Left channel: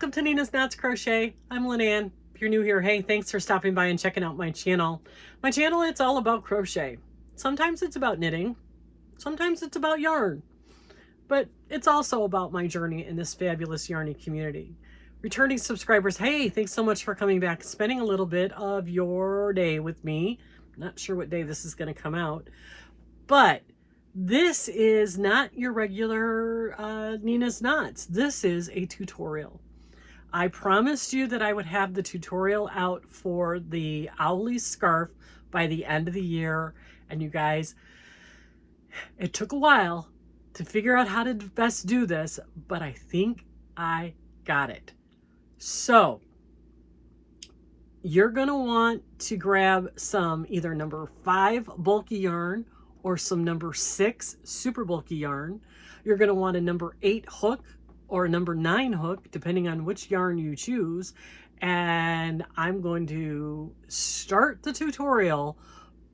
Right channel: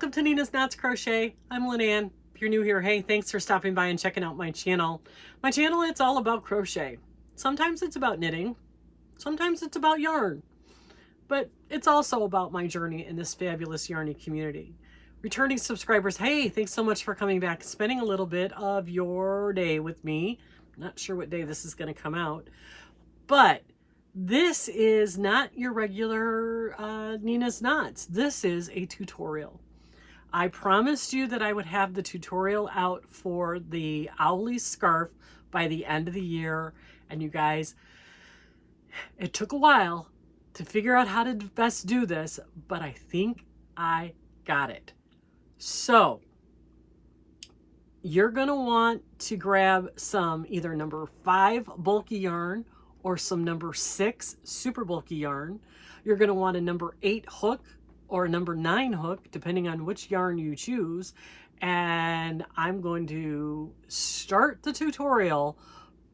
Welcome to Nina's Knots Crochet. I'm Lynanne. If you're new here, hey, thanks for stopping by and checking out my channel. My channel, it's all about crochet. Sometimes it's about knitting. Sometimes it's about yarn. But it's also about my journey in this fabulous yarny community. Returning subscribers, hey, thanks so much for coming back, spending a little bit of your day with me. Not sure what day this is going to come out, but this is not your regular Nina's Knots. This is a tutorial. I promised you that I would have the tutorial out for the Owly Scarf by the end of the year. And you guys, it took a while to figure out how to best do this, but I think I got it. So you're gonna want to grab some either number 5 bulky yarn or some number 6 super bulky yarn. You're gonna want a number 8 hook or a number 9 hook, depending on which yarn you choose. And I'm going to start the tutorial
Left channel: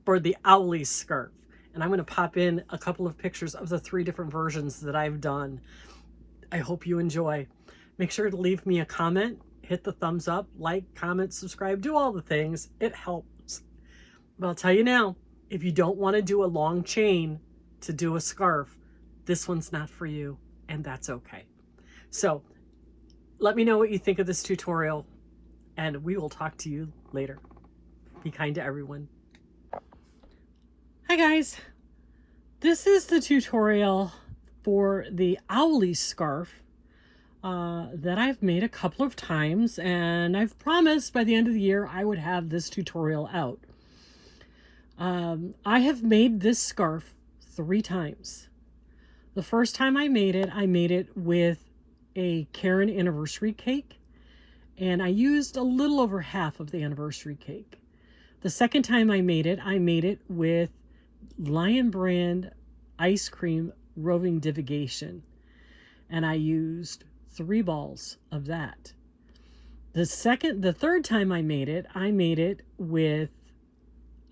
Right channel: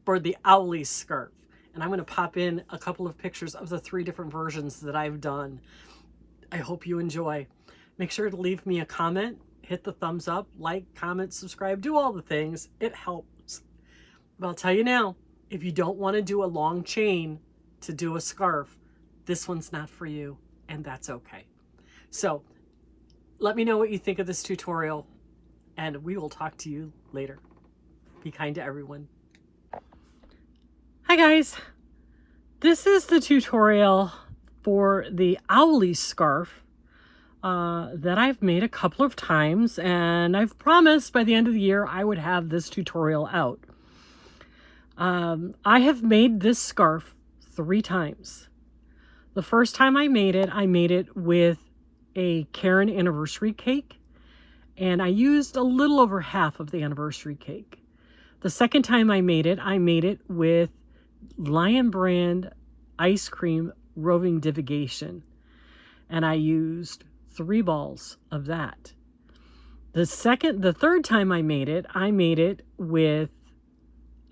for the Owly Scarf. And I'm going to pop in a couple of pictures of the 3 different versions that I've done. I hope you enjoy. Make sure to leave me a comment, hit the thumbs up, like, comment, subscribe, do all the things. It helps. But I'll tell you now, if you don't want to do a long chain to do a scarf, this one's not for you, and that's okay. So let me know what you think of this tutorial, and we will talk to you later. Be kind to everyone. Hi guys, this is the tutorial for the Owly Scarf that I've made a couple of times, and I've promised by the end of the year I would have this tutorial out. I have made this scarf 3 times. The first time I made it with a Karen anniversary cake, and I used a little over half of the anniversary cake. The second time I made it with Lion Brand ice cream roving divigation, and I used 3 balls of that. The third time I made it with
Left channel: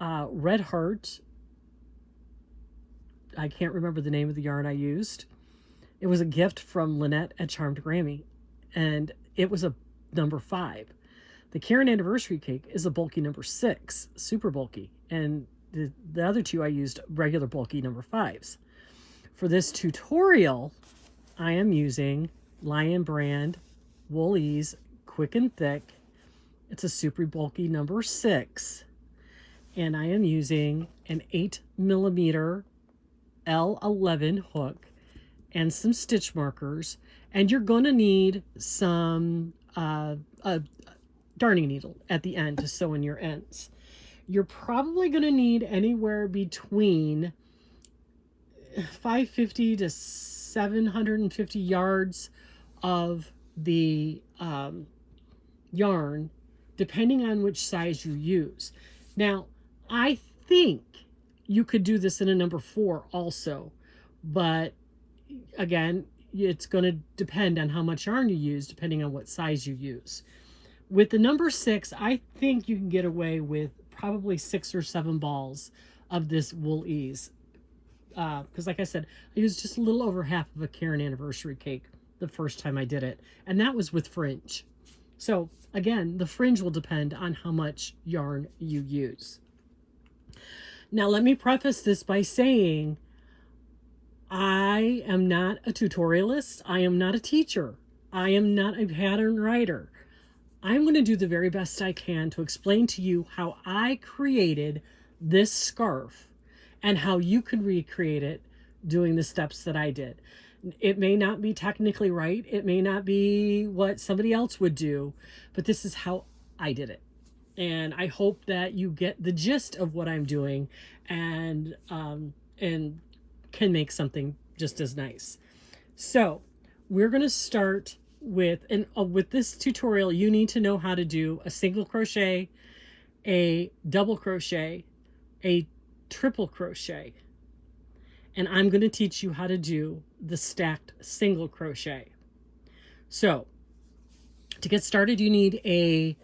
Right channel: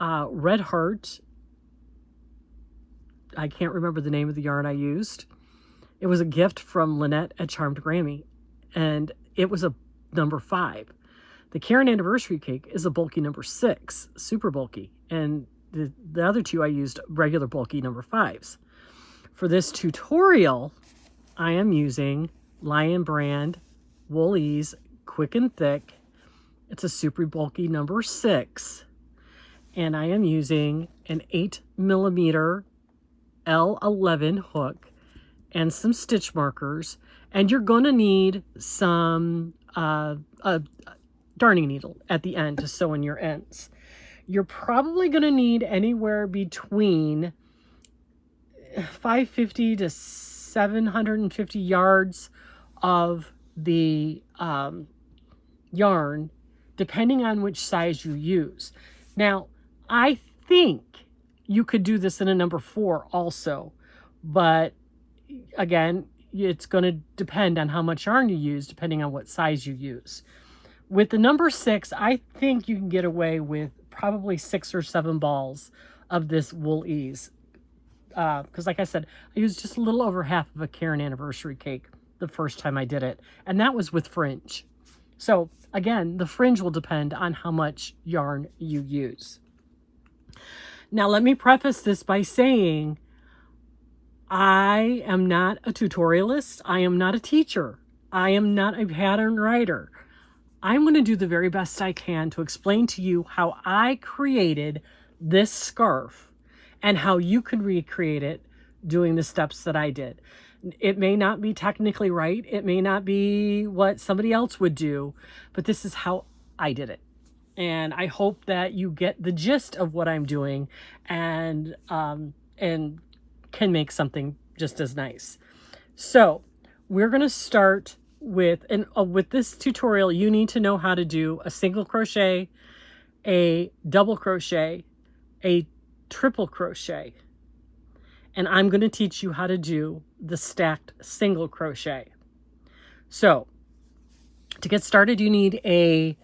Red Heart. I can't remember the name of the yarn I used. It was a gift from Lynette at Charmed Grammy, and it was a number 5. The Karen anniversary cake is a bulky number 6, super bulky, and the other 2 I used regular bulky number 5s. For this tutorial, I am using Lion Brand Wool-Ease Quick and Thick. It's a super bulky number 6, and I am using an 8mm L11 hook and some stitch markers, and you're going to need some a darning needle at the end to sew in your ends. You're probably going to need anywhere between 550 to 750 yards of the yarn, depending on which size you use. Now, I think you could do this in a number 4 also, but again, it's going to depend on how much yarn you use, depending on what size you use. With the number 6, I think you can get away with probably 6 or 7 balls of this Wool-Ease. Because like I said, I used just a little over half of a Karen anniversary cake the first time I did it, and that was with fringe. So again, the fringe will depend on how much yarn you use. Now let me preface this by saying I am not a tutorialist. I am not a teacher. I am not a pattern writer. I'm going to do the very best I can to explain to you how I created this scarf and how you could recreate it doing the steps that I did. It may not be technically right. It may not be what somebody else would do, but this is how I did it. And I hope that you get the gist of what I'm doing and can make something just as nice. So we're going to start with this tutorial. You need to know how to do a single crochet, a double crochet, a triple crochet, and I'm going to teach you how to do the stacked single crochet. So to get started, you need a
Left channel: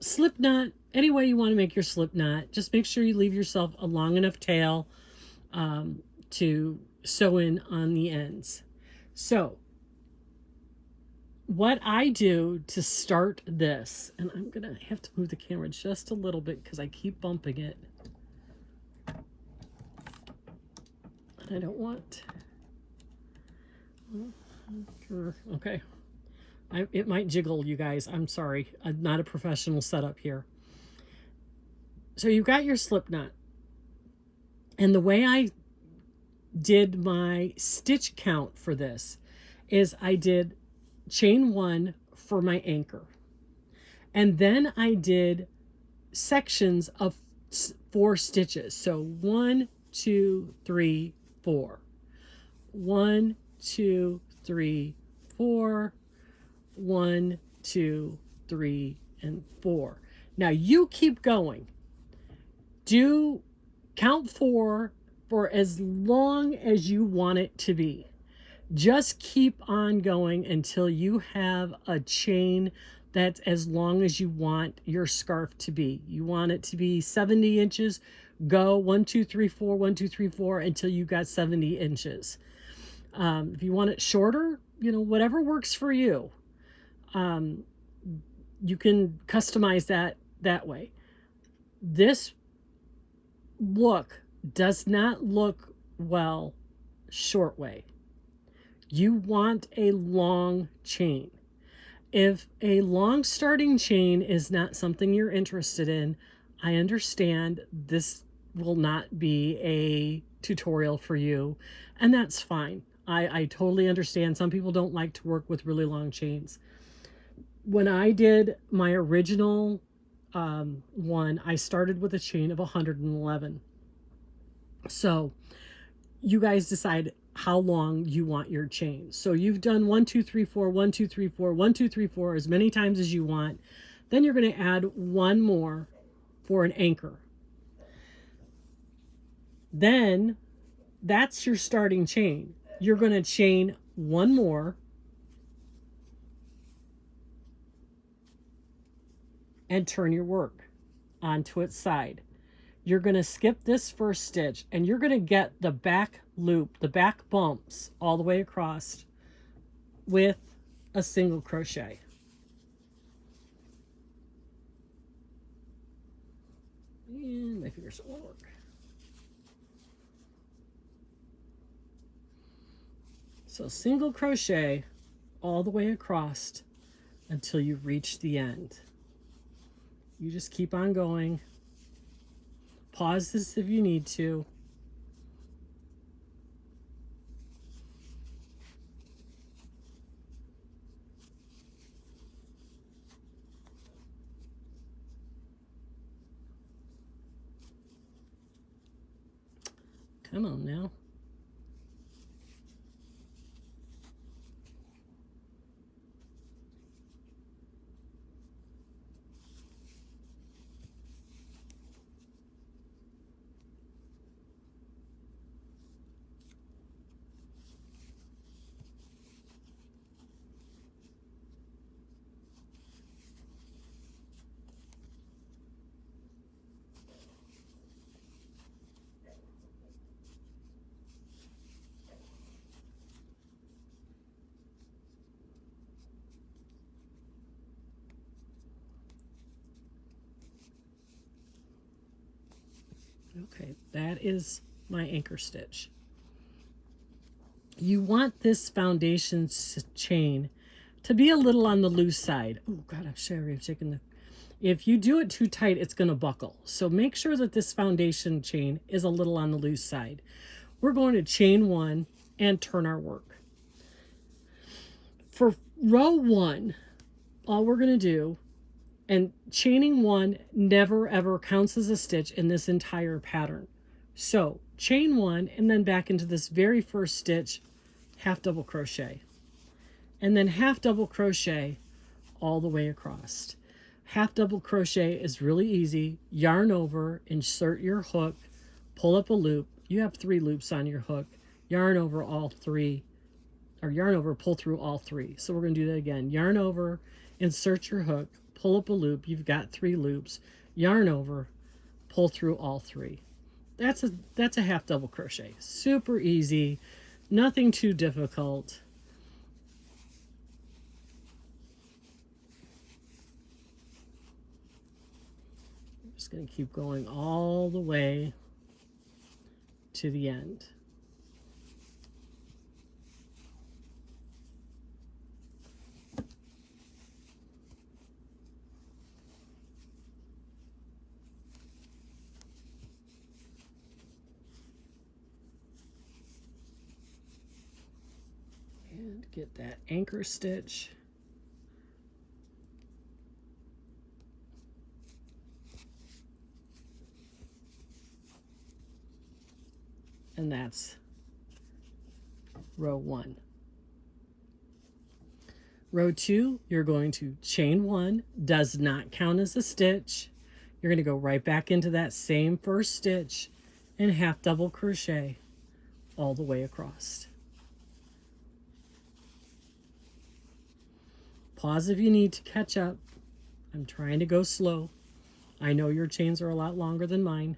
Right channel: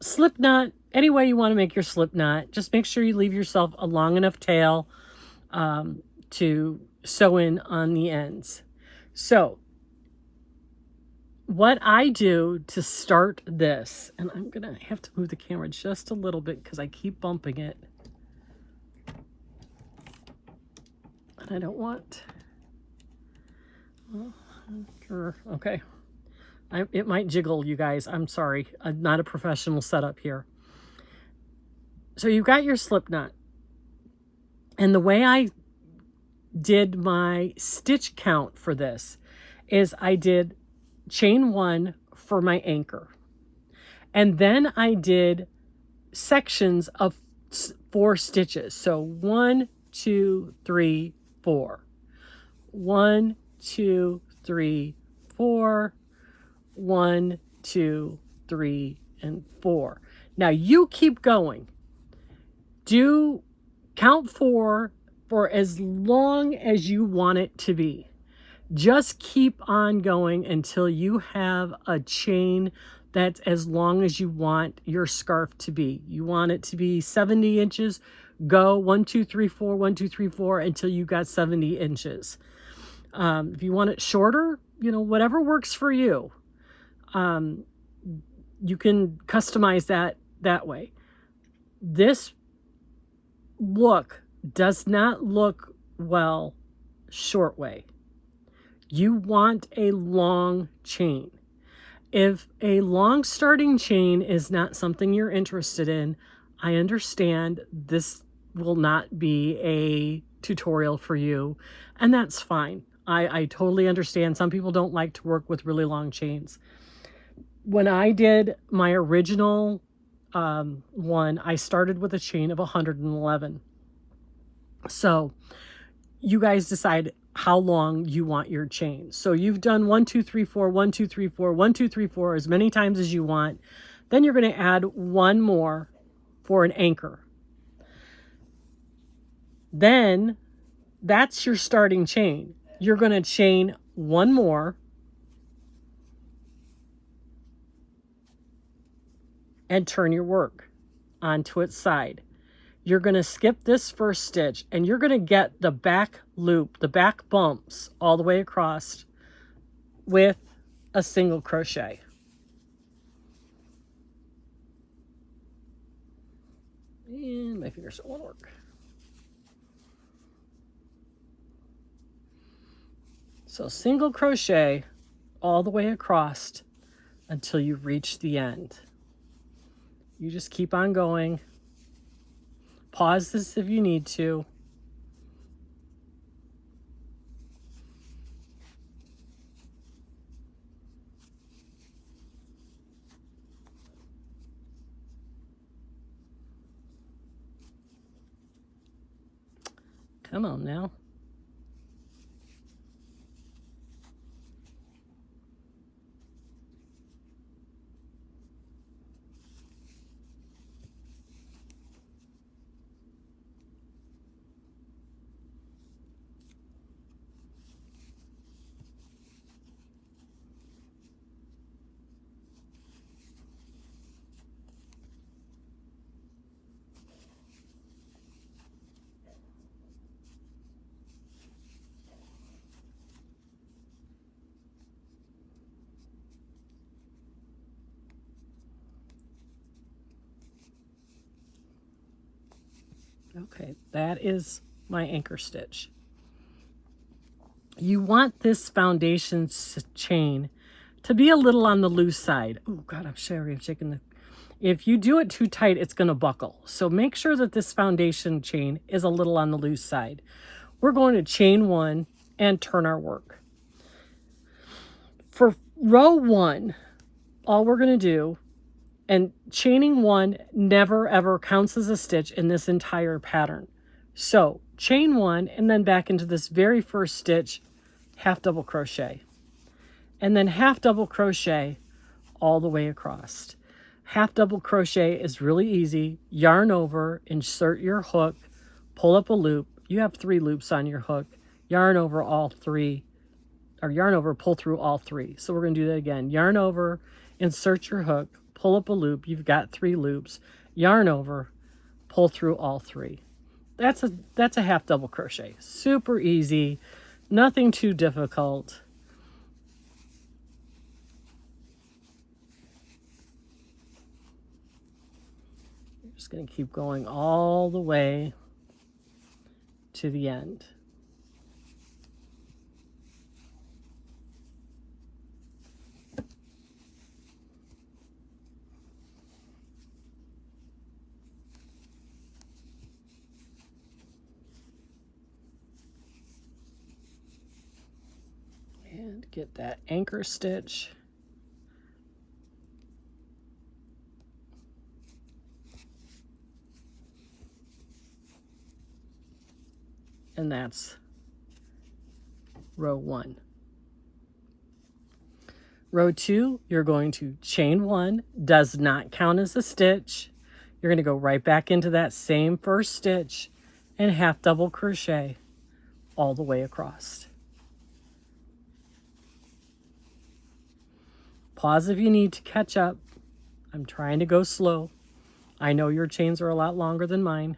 slip knot. Any way you want to make your slip knot, just make sure you leave yourself a long enough tail to sew in on the ends. So what I do to start this, and I'm gonna have to move the camera just a little bit because I keep bumping it. I don't want, okay. It might jiggle, you guys. I'm sorry. I'm not a professional setup here. So you've got your slip knot. And the way I did my stitch count for this is I did chain 1 for my anchor. And then I did sections of 4 stitches. So 1, 2, 3, 4. 1, 2, 3, 4. 1, 2, 3, and 4. Now you keep going. Do count 4 for as long as you want it to be. Just keep on going until you have a chain that's as long as you want your scarf to be. You want it to be 70 inches, go 1, 2, 3, 4, 1, 2, 3, 4 until you got 70 inches. If you want it shorter, you know, whatever works for you. You can customize that way. This look does not look well short way. You want a long chain. If a long starting chain is not something you're interested in, I understand this will not be a tutorial for you, and that's fine. I totally understand. Some people don't like to work with really long chains. When I did my original one, I started with a chain of 111. So you guys decide how long you want your chain. So you've done 1, 2, 3, 4, 1, 2, 3, 4, 1, 2, 3, 4 as many times as you want. Then you're going to add 1 more for an anchor. Then that's your starting chain. You're going to chain 1 more and turn your work onto its side. You're going to skip this first stitch and you're going to get the back loop, the back bumps all the way across with a single crochet. And my fingers don't want to work. So single crochet all the way across until you reach the end. You just keep on going. Pause this if you need to. Come on now. Okay, that is my anchor stitch. You want this foundation chain to be a little on the loose side. Oh God, I'm sorry, I'm shaking the... If you do it too tight, it's going to buckle. So make sure that this foundation chain is a little on the loose side. We're going to chain 1 and turn our work. For row 1, all we're going to do, and chaining 1 never ever counts as a stitch in this entire pattern. So chain 1 and then back into this very first stitch, half double crochet, and then half double crochet all the way across. Half double crochet is really easy. Yarn over, insert your hook, pull up a loop. You have 3 loops on your hook. Yarn over all 3, or yarn over, pull through all 3. So we're going to do that again. Yarn over, insert your hook, pull up a loop. You've got 3 loops. Yarn over, pull through all 3. That's a half double crochet. Super easy, nothing too difficult. Just going to keep going all the way to the end. And get that anchor stitch. And that's row 1. Row 2, you're going to chain 1, does not count as a stitch. You're going to go right back into that same first stitch and half double crochet all the way across. Pause if you need to catch up. I'm trying to go slow. I know your chains are a lot longer than mine.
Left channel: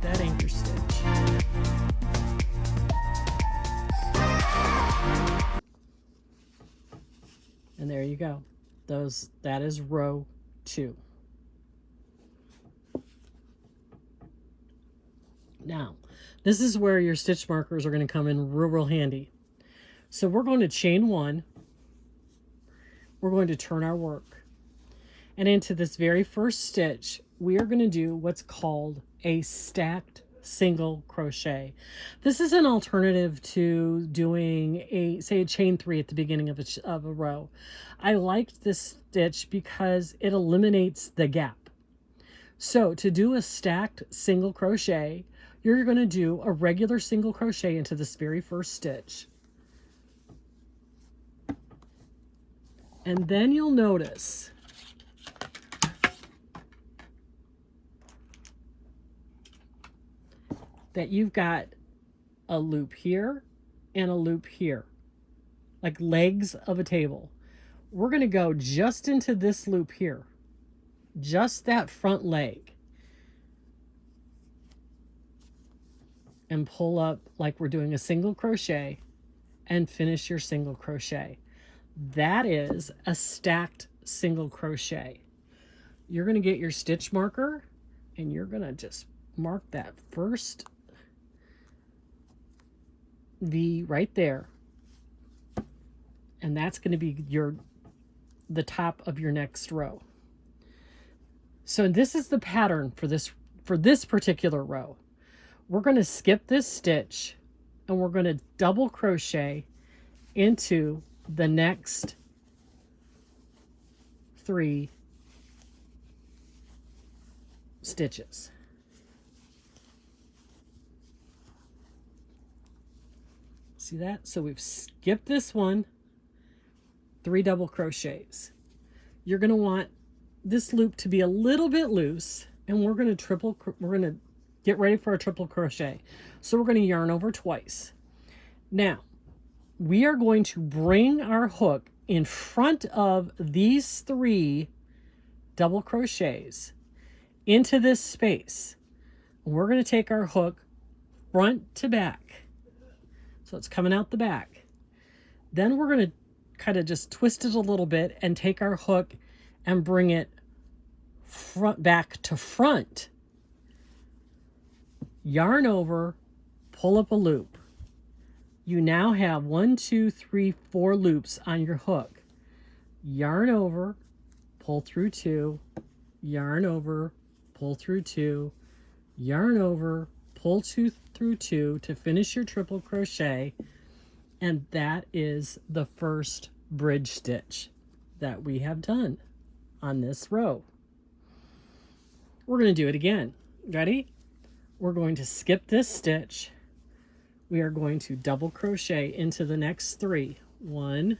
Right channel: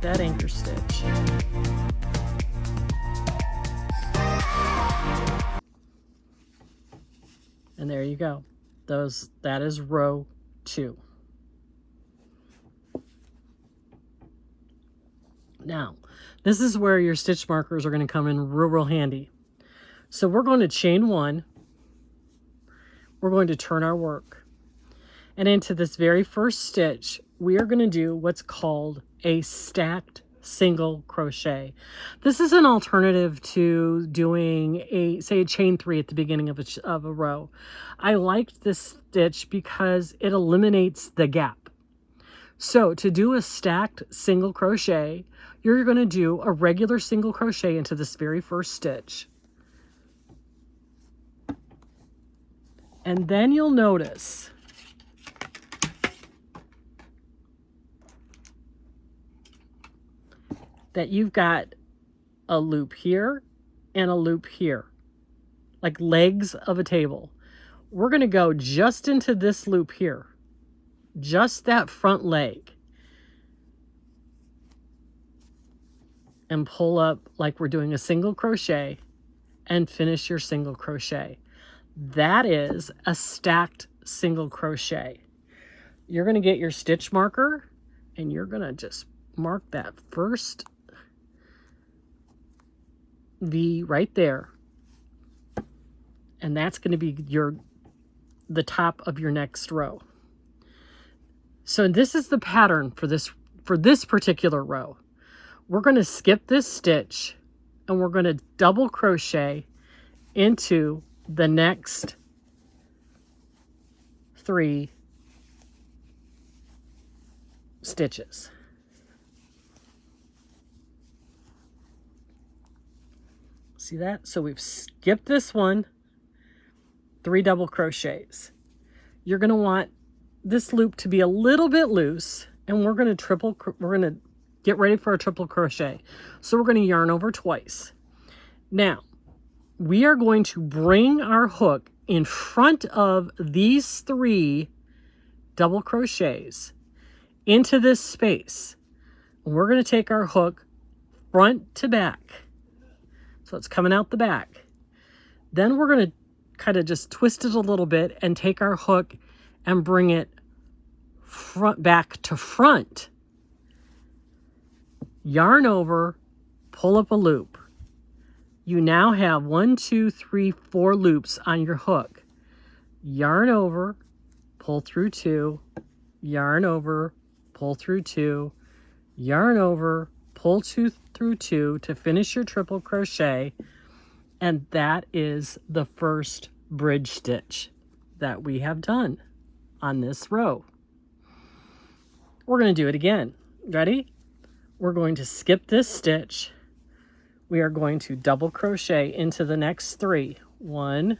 That anchor stitch. And there you go. That is row 2. Now, this is where your stitch markers are going to come in real handy. So we're going to chain 1. We're going to turn our work. And into this very first stitch, we are going to do what's called a stacked single crochet. This is an alternative to doing say a chain 3 at the beginning of a row. I liked this stitch because it eliminates the gap. So to do a stacked single crochet, you're going to do a regular single crochet into this very first stitch. And then you'll notice that you've got a loop here and a loop here, like legs of a table. We're going to go just into this loop here, just that front leg, and pull up like we're doing a single crochet and finish your single crochet. That is a stacked single crochet. You're going to get your stitch marker and you're going to just mark that first V right there, and that's going to be the top of your next row. So this is the pattern for this particular row. We're going to skip this stitch and we're going to double crochet into the next 3 stitches. See that? So we've skipped this one, 3 double crochets. You're going to want this loop to be a little bit loose, and we're going to get ready for a triple crochet. So we're going to yarn over twice. Now, we are going to bring our hook in front of these 3 double crochets into this space. And we're going to take our hook front to back. So it's coming out the back. Then we're going to kind of just twist it a little bit and take our hook and bring it back to front. Yarn over, pull up a loop. You now have 1, 2, 3, 4 loops on your hook. Yarn over, pull through 2, yarn over, pull through 2, yarn over, pull 2 through 2 to finish your triple crochet, and that is the first bridge stitch that we have done on this row. We're going to do it again. Ready? we're going to skip this stitch. We are going to double crochet into the next 3. 1,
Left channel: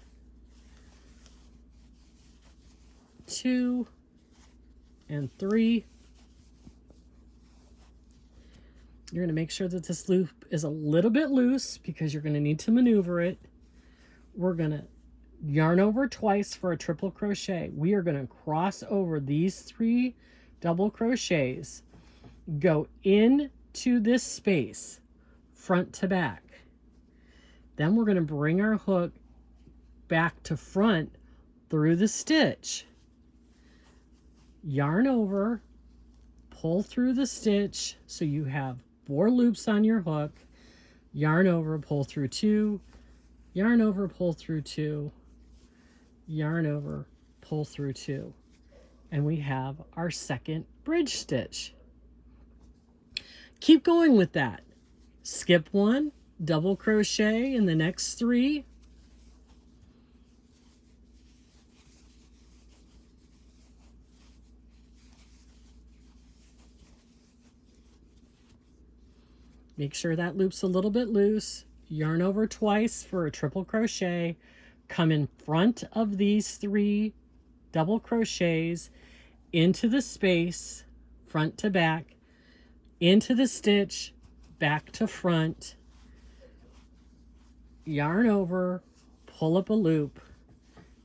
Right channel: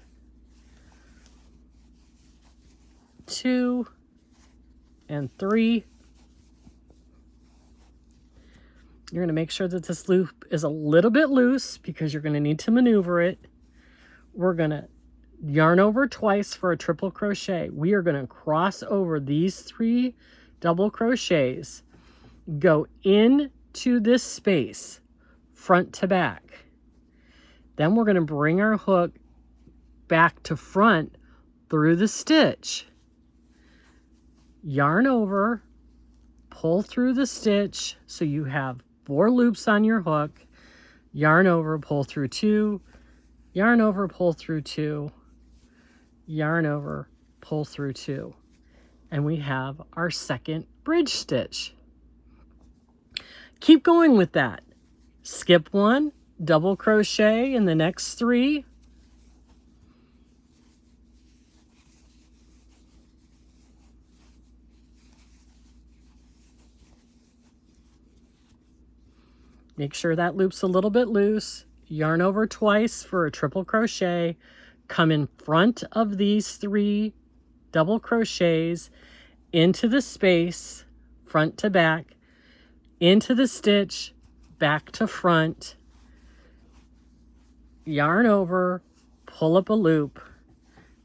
2, and 3. You're going to make sure that this loop is a little bit loose because you're going to need to maneuver it. We're going to yarn over twice for a triple crochet. We are going to cross over these 3 double crochets, go into this space front to back. Then we're going to bring our hook back to front through the stitch, yarn over, pull through the stitch so you have 4 loops on your hook, yarn over, pull through 2, yarn over, pull through 2, yarn over, pull through 2, and we have our second bridge stitch. Keep going with that. Skip 1, double crochet in the next 3, make sure that loop's a little bit loose, yarn over twice for a triple crochet, come in front of these 3 double crochets into the space, front to back, into the stitch, back to front, yarn over, pull up a loop,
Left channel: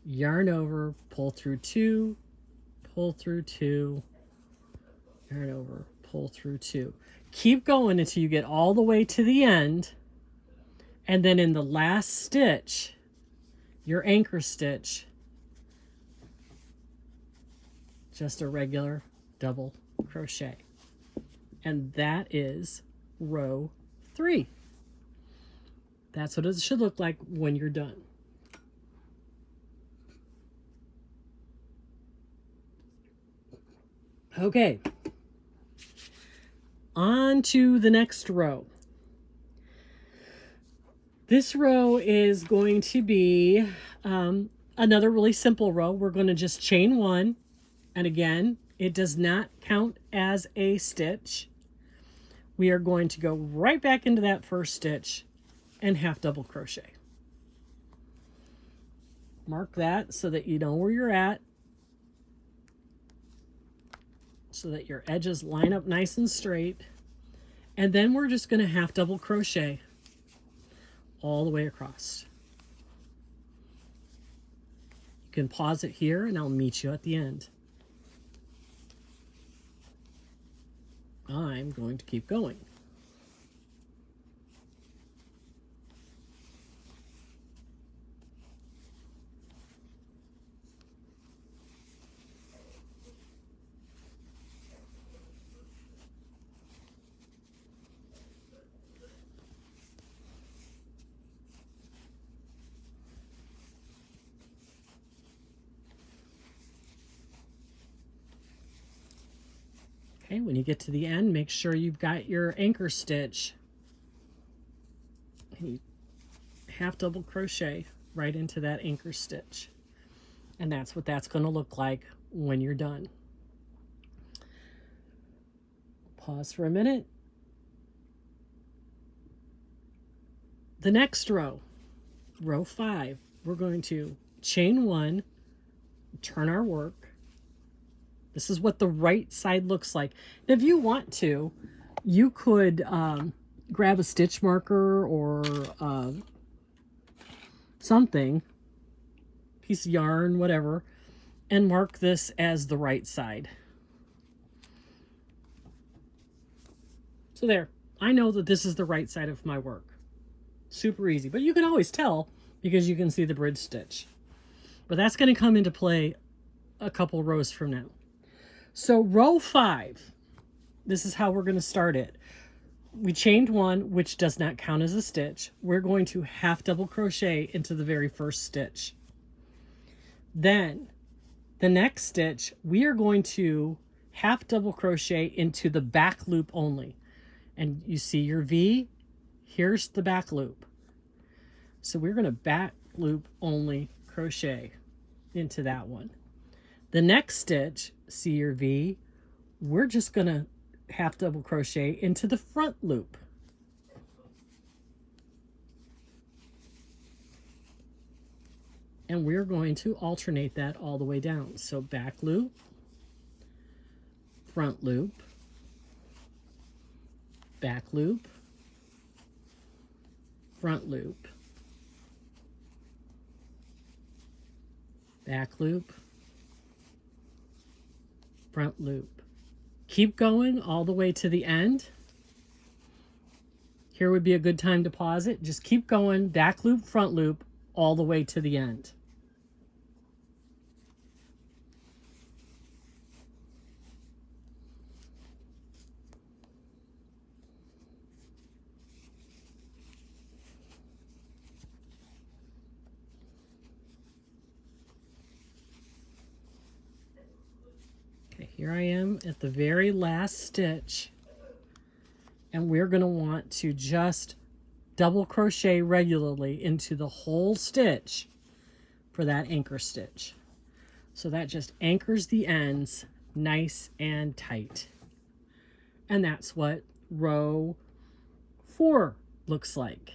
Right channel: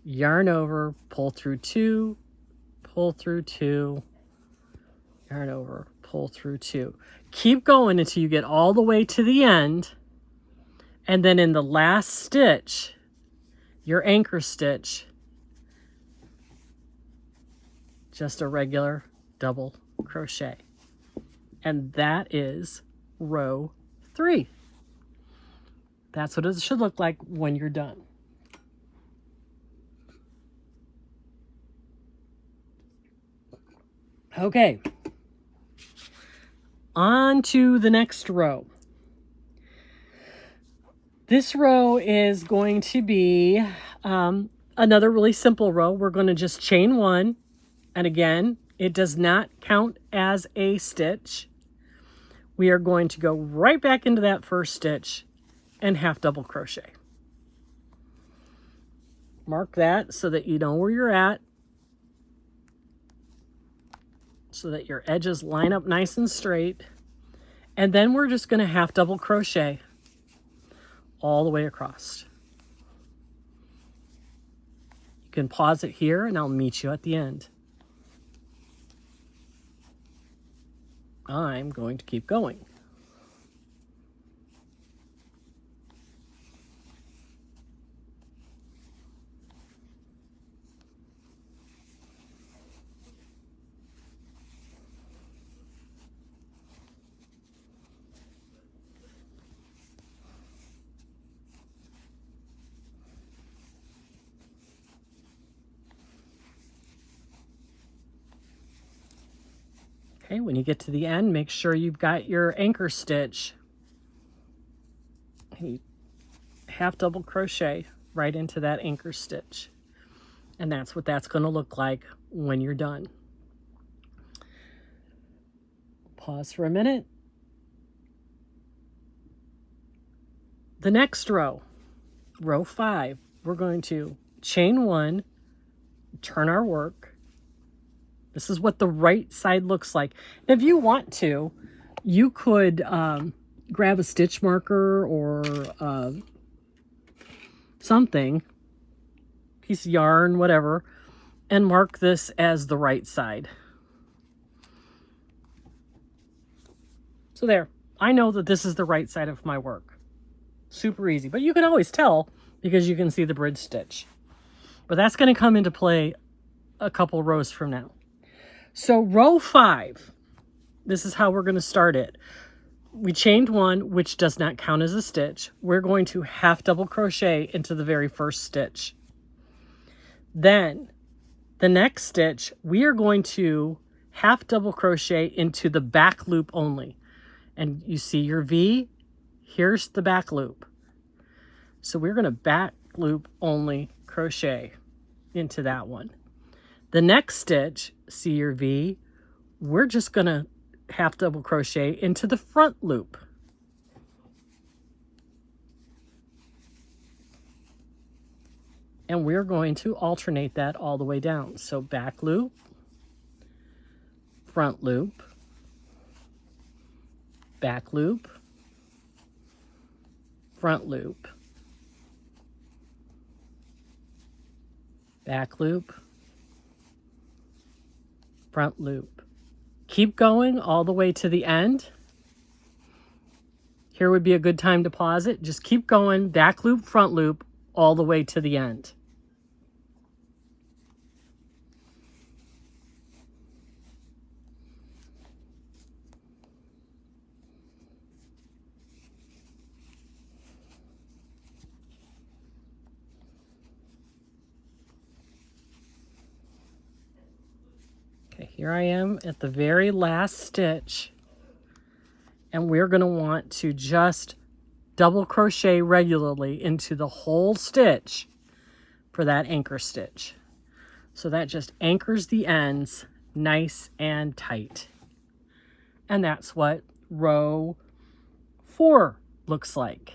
yarn over, pull through 2, pull through 2, yarn over, pull through 2. Keep going until you get all the way to the end, and then in the last stitch, your anchor stitch, just a regular double crochet. And that is row 3. That's what it should look like when you're done. Okay, on to the next row. This row is going to be another really simple row. We're going to just chain 1, and again, it does not count as a stitch. We are going to go right back into that first stitch and half double crochet. Mark that so that you know where you're at, so that your edges line up nice and straight. And then we're just going to half double crochet all the way across. You can pause it here and I'll meet you at the end. I'm going to keep going. Okay, when you get to the end, make sure you've got your anchor stitch. And you half double crochet right into that anchor stitch. And that's what that's going to look like when you're done. Pause for a minute. The next row, row 5, we're going to chain 1, turn our work. This is what the right side looks like. Now, if you want to, you could grab a stitch marker or something, piece of yarn, whatever, and mark this as the right side. So there, I know that this is the right side of my work. Super easy, but you can always tell because you can see the bridge stitch. But that's going to come into play a couple rows from now. So row 5, this is how we're going to start it. We chained 1, which does not count as a stitch. We're going to half double crochet into the very first stitch. Then the next stitch, we are going to half double crochet into the back loop only. And you see your V, here's the back loop. So we're going to back loop only crochet into that one. The next stitch, see your V, we're just going to half double crochet into the front loop. And we're going to alternate that all the way down. So back loop, front loop, back loop, front loop, back loop, front loop. Keep going all the way to the end. Here would be a good time to pause it. Just keep going, back loop, front loop, all the way to the end. Okay, here I am at the very last stitch, and we're going to want to just double crochet regularly into the whole stitch for that anchor stitch. So that just anchors the ends nice and tight. And that's what row 4 looks like.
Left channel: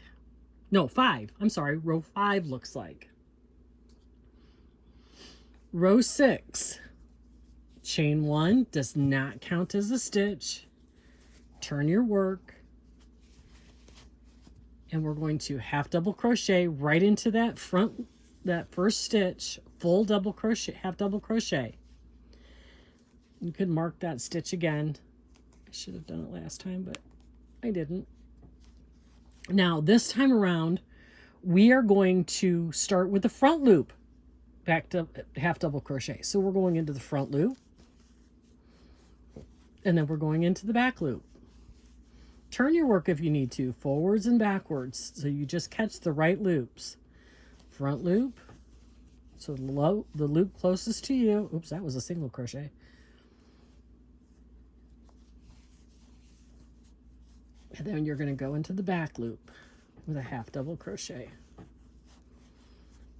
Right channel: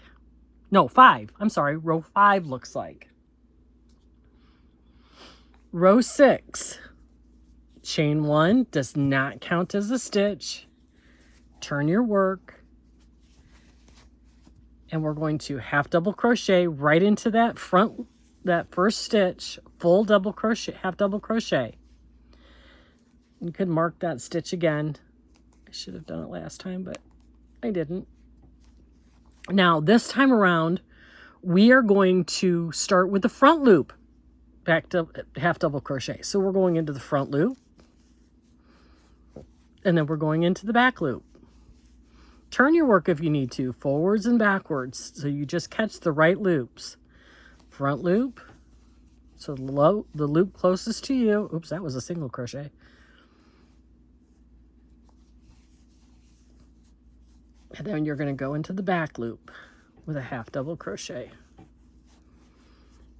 No, 5. I'm sorry, row 5 looks like. Row 6. Chain 1 does not count as a stitch. Turn your work, and we're going to half double crochet right into that first stitch, full double crochet, half double crochet. You could mark that stitch again. I should have done it last time, but I didn't. Now this time around, we are going to start with the front loop, back to half double crochet. So we're going into the front loop, and then we're going into the back loop. Turn your work if you need to, forwards and backwards, so you just catch the right loops. Front loop, so the loop closest to you. Oops, that was a single crochet. And then you're going to go into the back loop with a half double crochet.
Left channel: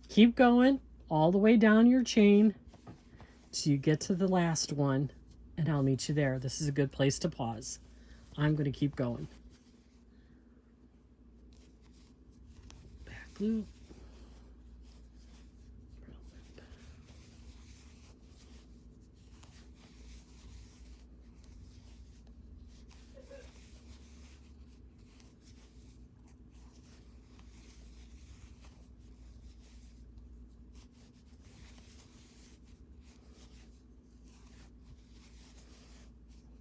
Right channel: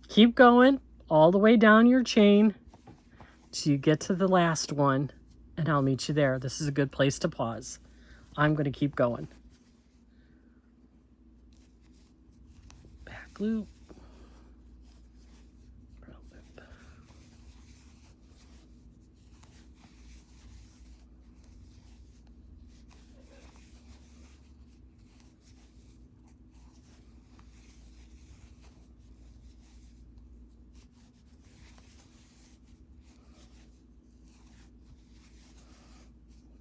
Keep going all the way down your chain till you get to the last one, and I'll meet you there. This is a good place to pause. I'm going to keep going. Back loop. Front loop.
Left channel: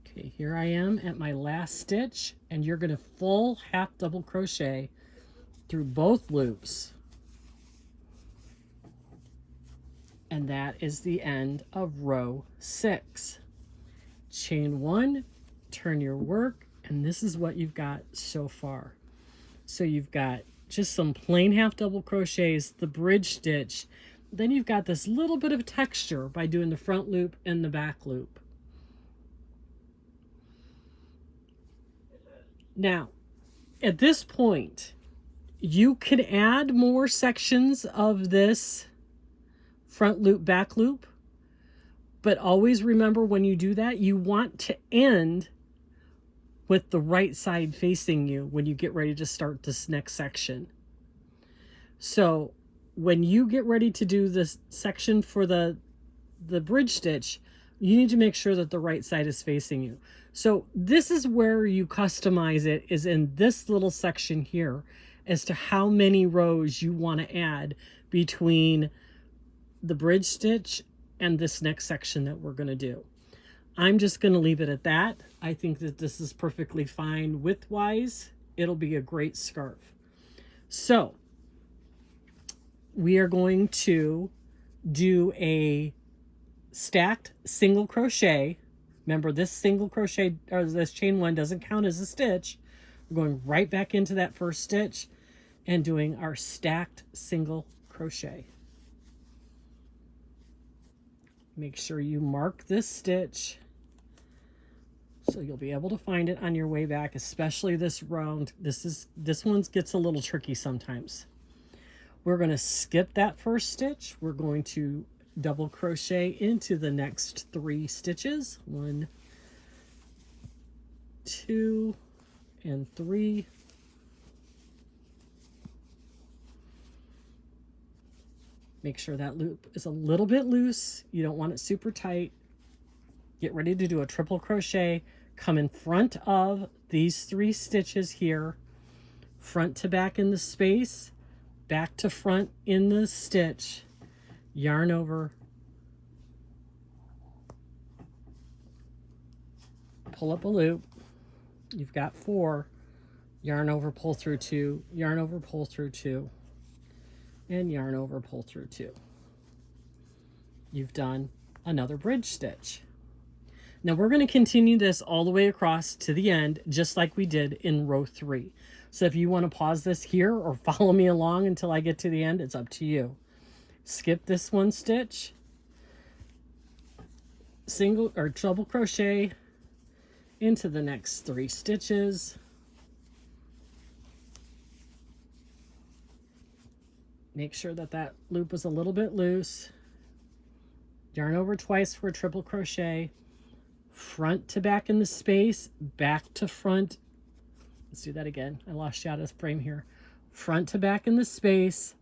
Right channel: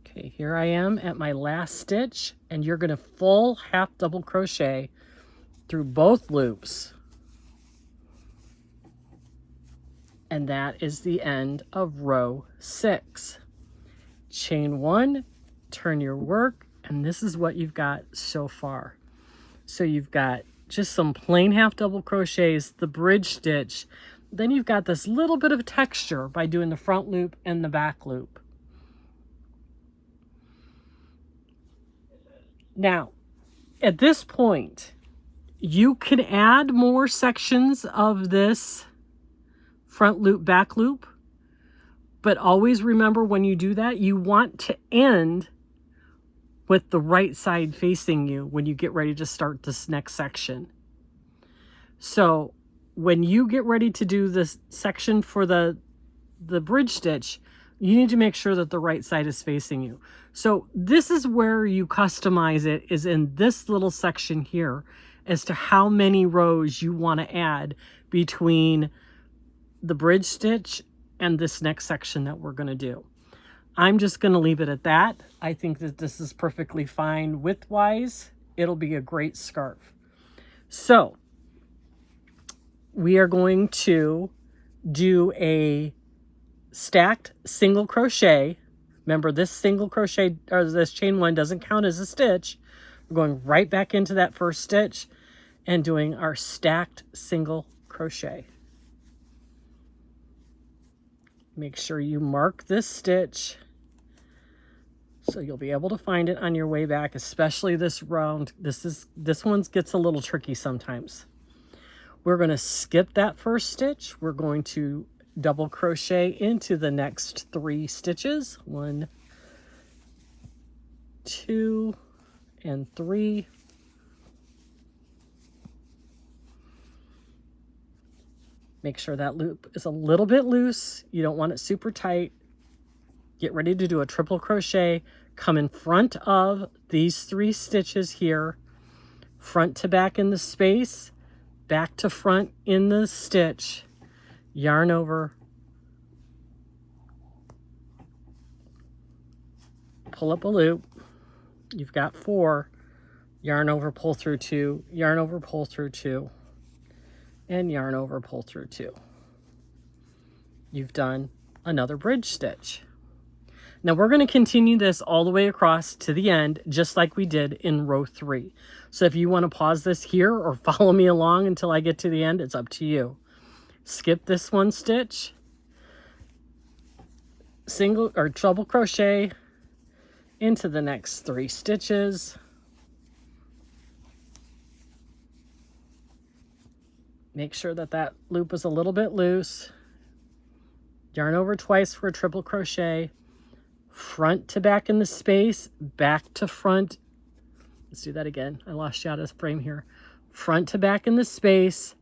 Okay, here I am at my last stitch, and you're going to full half double crochet through both loops. And that is the end of row 6. Chain 1, turn your work, and this is what you've got so far. So you've got just some plain half double crochets, the bridge stitch, then you've got this little bit of texture by doing the front loop and the back loop. Now, at this point, you can add more sections of this front loop, back loop, but always remember when you do that, you want to end with the right side facing you when you get ready to start this next section. So when you get ready to do this section for the bridge stitch, you need to make sure that the right side is facing you. So this is where you customize it, is in this little section here, as to how many rows you want to add between the bridge stitch and this next section that we're going to do. I'm just going to leave it at that. I think that this is perfectly fine width-wise. It'll be a great scarf. So we are going to do a stacked single crochet. Remember, this single crochet, or this chain 1, doesn't count as a stitch. We're going right back into that first stitch and doing our stacked single crochet. Make sure you mark this stitch so you'll be able to find it on your way back, especially this round. This one gets a little tricky sometimes. We're going to skip that first stitch. We're going to double crochet into the next 3 stitches. 1, 2 and 3. Make sure that loop is a little bit loose. You don't want it super tight. Get ready to do a triple crochet. Come in front of these 3 stitches here, front to back in the space, back to front in the stitch, yarn over, pull up a loop. You've got 4, yarn over, pull through 2, yarn over, pull through 2, and yarn over, pull through 2. You've done another bridge stitch. Now we're going to continue this all the way across to the end, just like we did in row 3. So if you want to pause this here or follow me along until I get to the end, it's up to you. Skip this 1 stitch, single or double crochet into the next 3 stitches. Make sure that that loop is a little bit loose. Yarn over twice for a triple crochet. Front to back in the space, back to front. Let's do that again. I lost you out of frame here. Front to back in the space,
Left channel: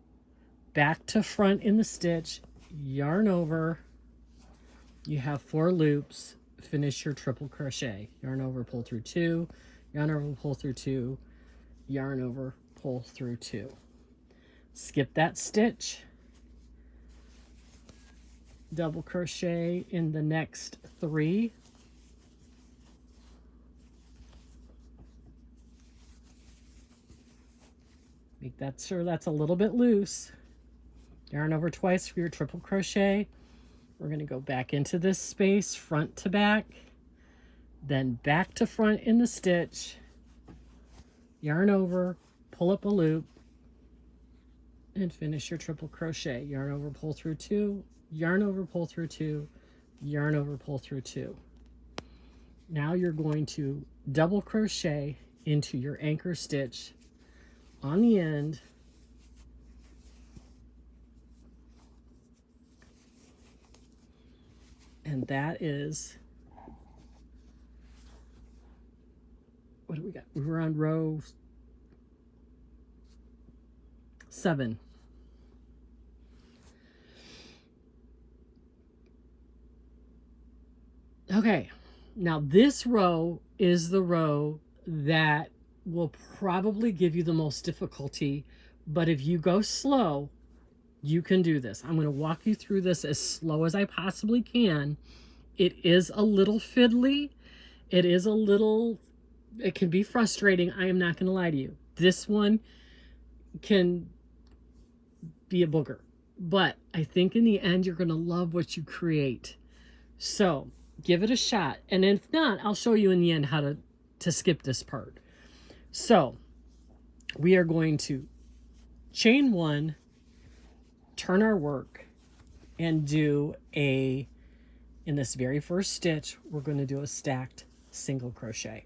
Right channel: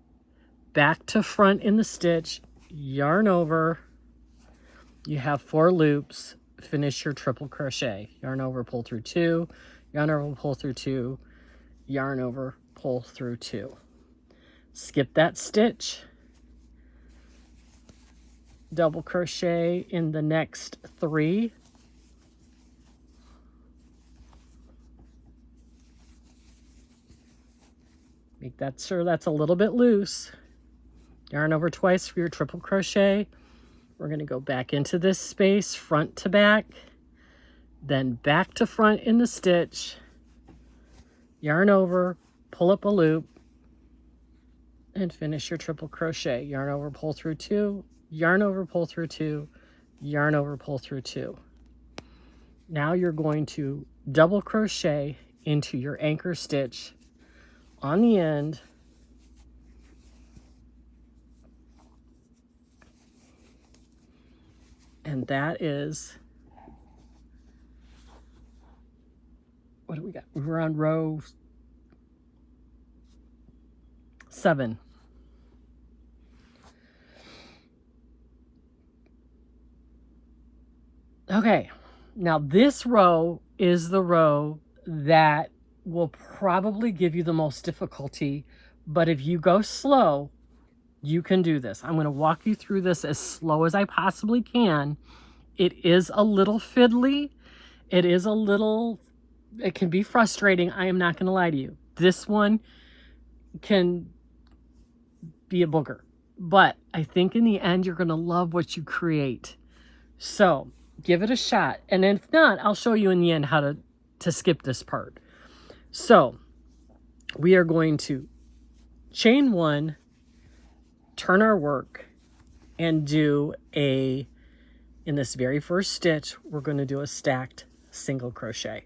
back to front in the stitch, yarn over. You have 4 loops. Finish your triple crochet. Yarn over, pull through 2, yarn over, pull through 2, yarn over, pull through 2. Skip that stitch. Double crochet in the next 3. Make that sure that's a little bit loose. Yarn over twice for your triple crochet. We're going to go back into this space, front to back, then back to front in the stitch, yarn over, pull up a loop, and finish your triple crochet. Yarn over, pull through 2, yarn over, pull through 2, yarn over, pull through 2. Now you're going to double crochet into your anchor stitch on the end, and that is, what do we got? We're on row 7. Okay, now this row is the row that will probably give you the most difficulty, but if you go slow, you can do this. I'm going to walk you through this as slow as I possibly can. It is a little fiddly. It can be frustrating. I am not going to lie to you. This one can be a booger, but I think in the end, you're going to love what you create. So give it a shot. And if not, I'll show you in the end how to skip this part. So we are going to chain 1, turn our work, and do in this very first stitch, we're going to do a stacked single crochet.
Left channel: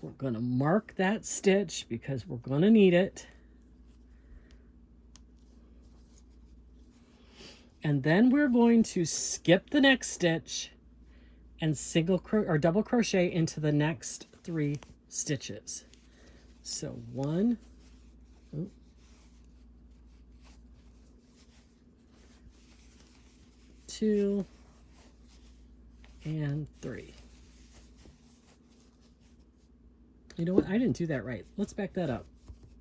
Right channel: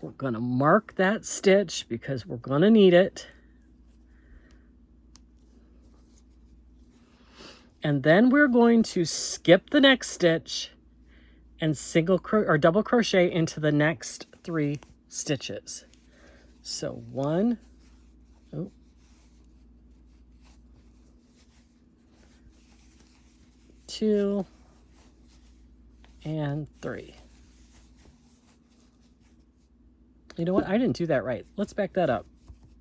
We're going to mark that stitch because we're going to need it. And then we're going to skip the next stitch and double crochet into the next 3 stitches. So 1, 2, and 3. You know what? I didn't do that right. Let's back that up.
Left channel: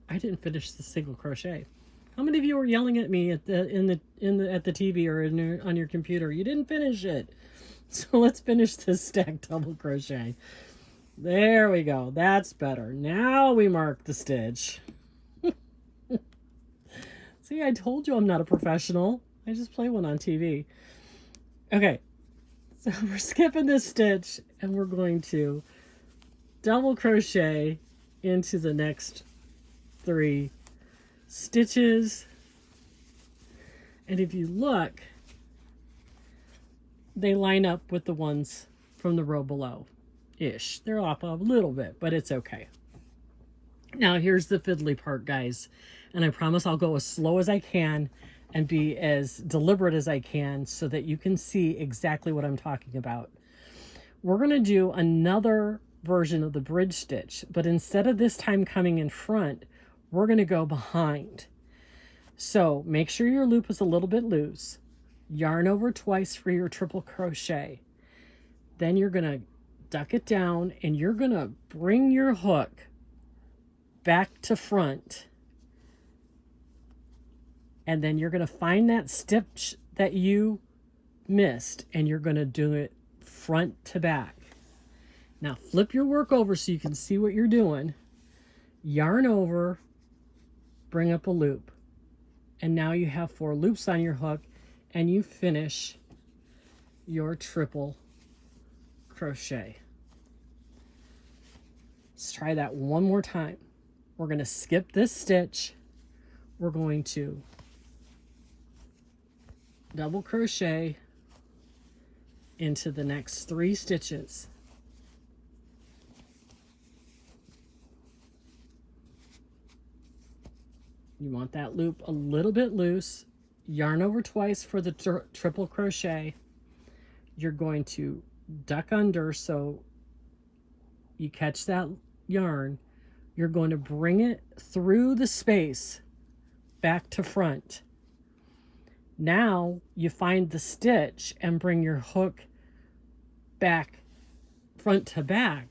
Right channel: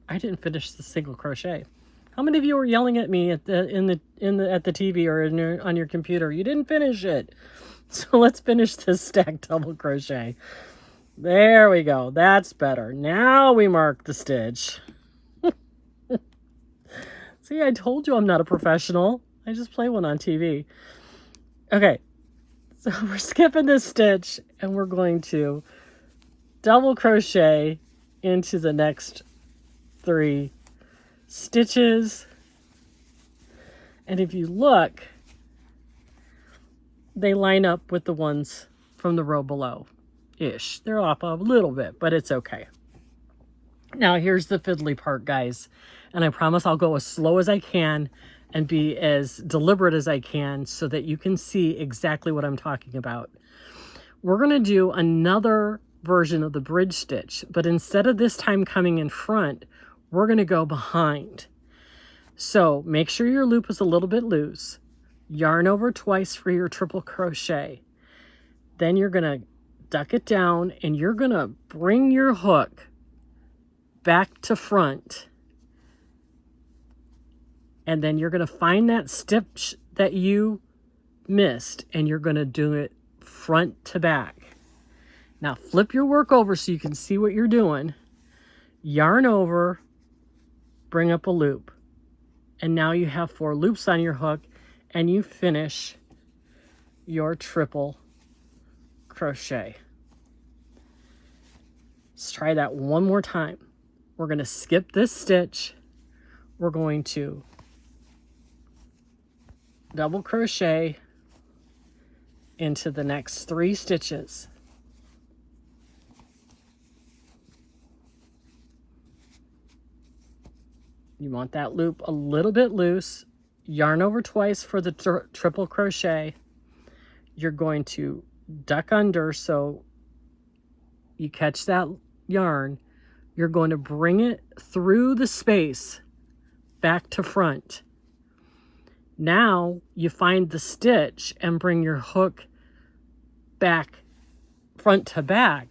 I didn't finish the single crochet. How many of you were yelling at me at the TV or on your computer? You didn't finish it. So let's finish this stacked double crochet. There we go. That's better. Now we mark the stitch. See, I told you I'm not a professional. I just play one on TV. Okay, so we're skipping this stitch and we're going to double crochet into the next 3 stitches. And if you look, they line up with the ones from the row below-ish. They're off a little bit, but it's okay. Now here's the fiddly part, guys. And I promise I'll go as slow as I can and be as deliberate as I can so that you can see exactly what I'm talking about. We're going to do another version of the bridge stitch, but instead of this time coming in front, we're going to go behind. So make sure your loop is a little bit loose. Yarn over twice for your triple crochet. Then you're going to duck it down and you're going to bring your hook back to front. And then you're going to find that stitch that you missed and you're going to do it front to back. Now flip your work over so you can see what you're doing. Yarn over, bring up a loop. And now you have 4 loops on your hook and you finish your triple crochet. Let's try that one more time. We're going to skip this stitch. We're going to double crochet into the next 3 stitches. You want that loop a little bit loose. Yarn over twice for the triple crochet. You're going to duck under so you catch that yarn. You're going to bring it through the space back to front. Now you find the stitch and bring your hook back front to back.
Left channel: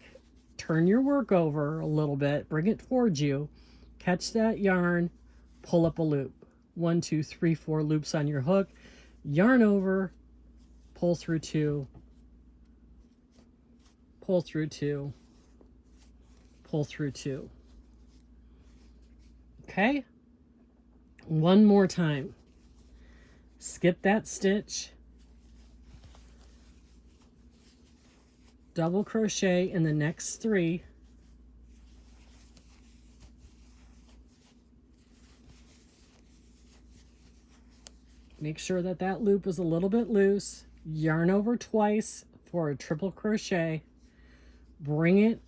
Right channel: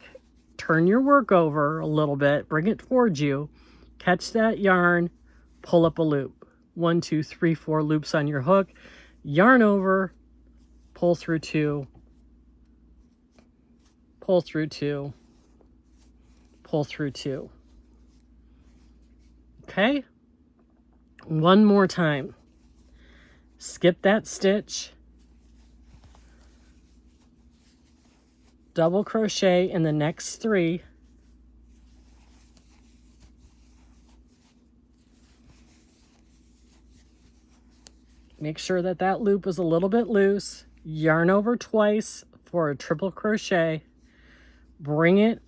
Turn your work over a little bit, bring it towards you, catch that yarn, pull up a loop. 1, 2, 3, 4 loops on your hook, yarn over, pull through 2, pull through 2, pull through 2. Okay? One more time. Skip that stitch. Double crochet in the next 3. Make sure that that loop is a little bit loose. Yarn over twice for a triple crochet. Bring it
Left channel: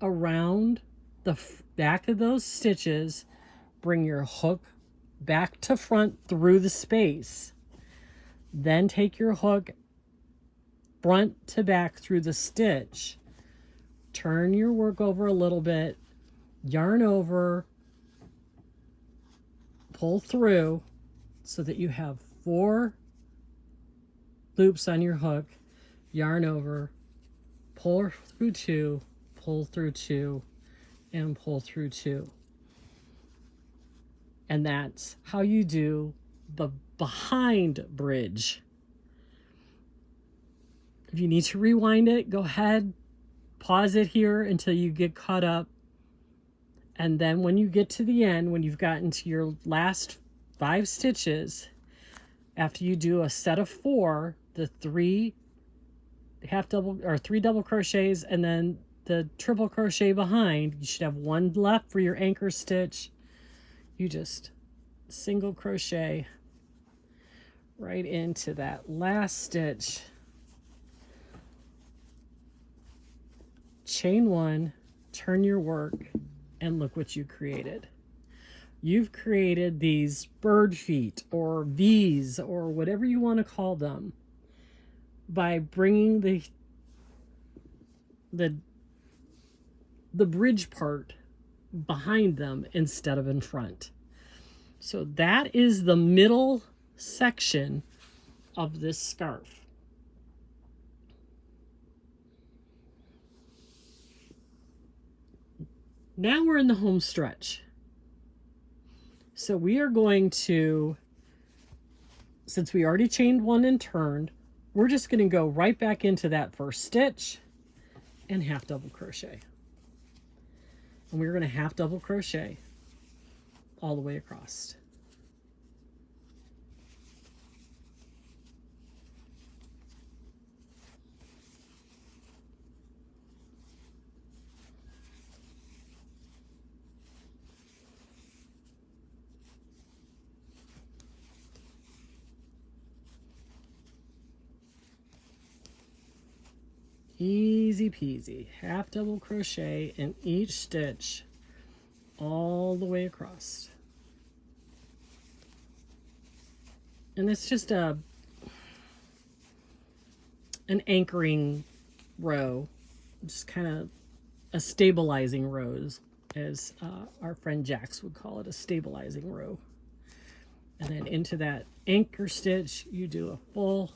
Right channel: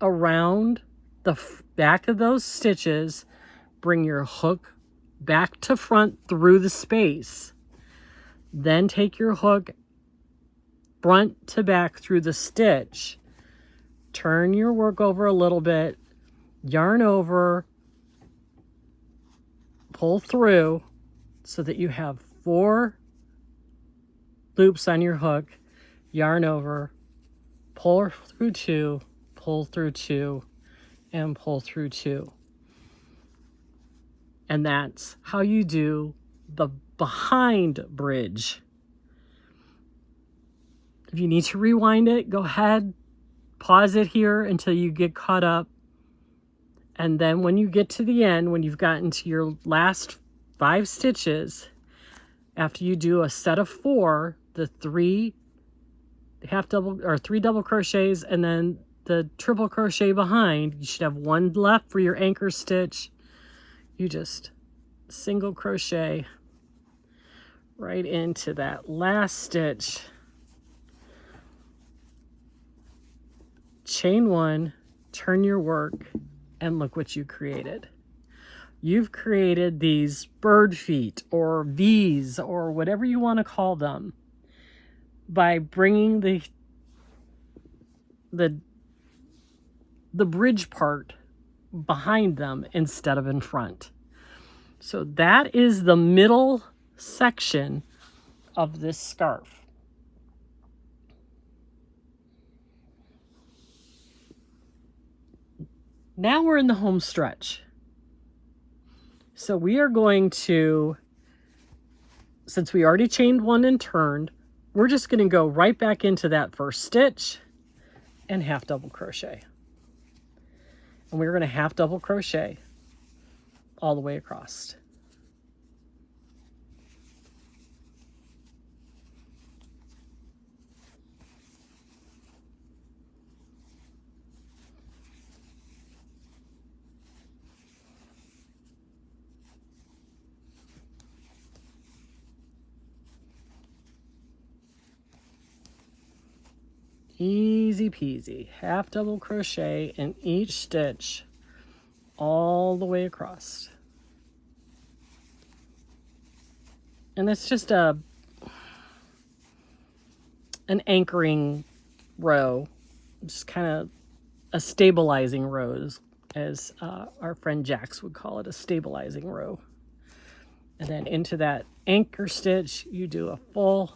around the back of those stitches. Bring your hook back to front through the space. Then take your hook front to back through the stitch. Turn your work over a little bit. Yarn over. Pull through so that you have 4 loops on your hook. Yarn over. Pull through 2. Pull through 2. And pull through 2. And that's how you do the behind bridge. If you need to rewind it, go ahead, pause it here until you get caught up. And then when you get to the end, when you've gotten to your last 5 stitches, after you do a set of 4, the 3 double crochets and then the triple crochet behind, you should have 1 left for your anchor stitch. You just single crochet right into that last stitch, chain 1, turn your work, and look what you created. You've created these bird feet or V's or whatever you want to call them by bringing the bridge part behind them instead of in front. So that is the middle section of this scarf. Now we're in the home stretch. So we are going to, since we already chained 1 and turned, we're just going to go right back into that first stitch and half double crochet. And we're going to half double crochet all the way across. Easy peasy, half double crochet in each stitch all the way across. And it's just an anchoring row, just kind of a stabilizing row, as our friend Jax would call it, a stabilizing row. And then into that anchor stitch, you do a full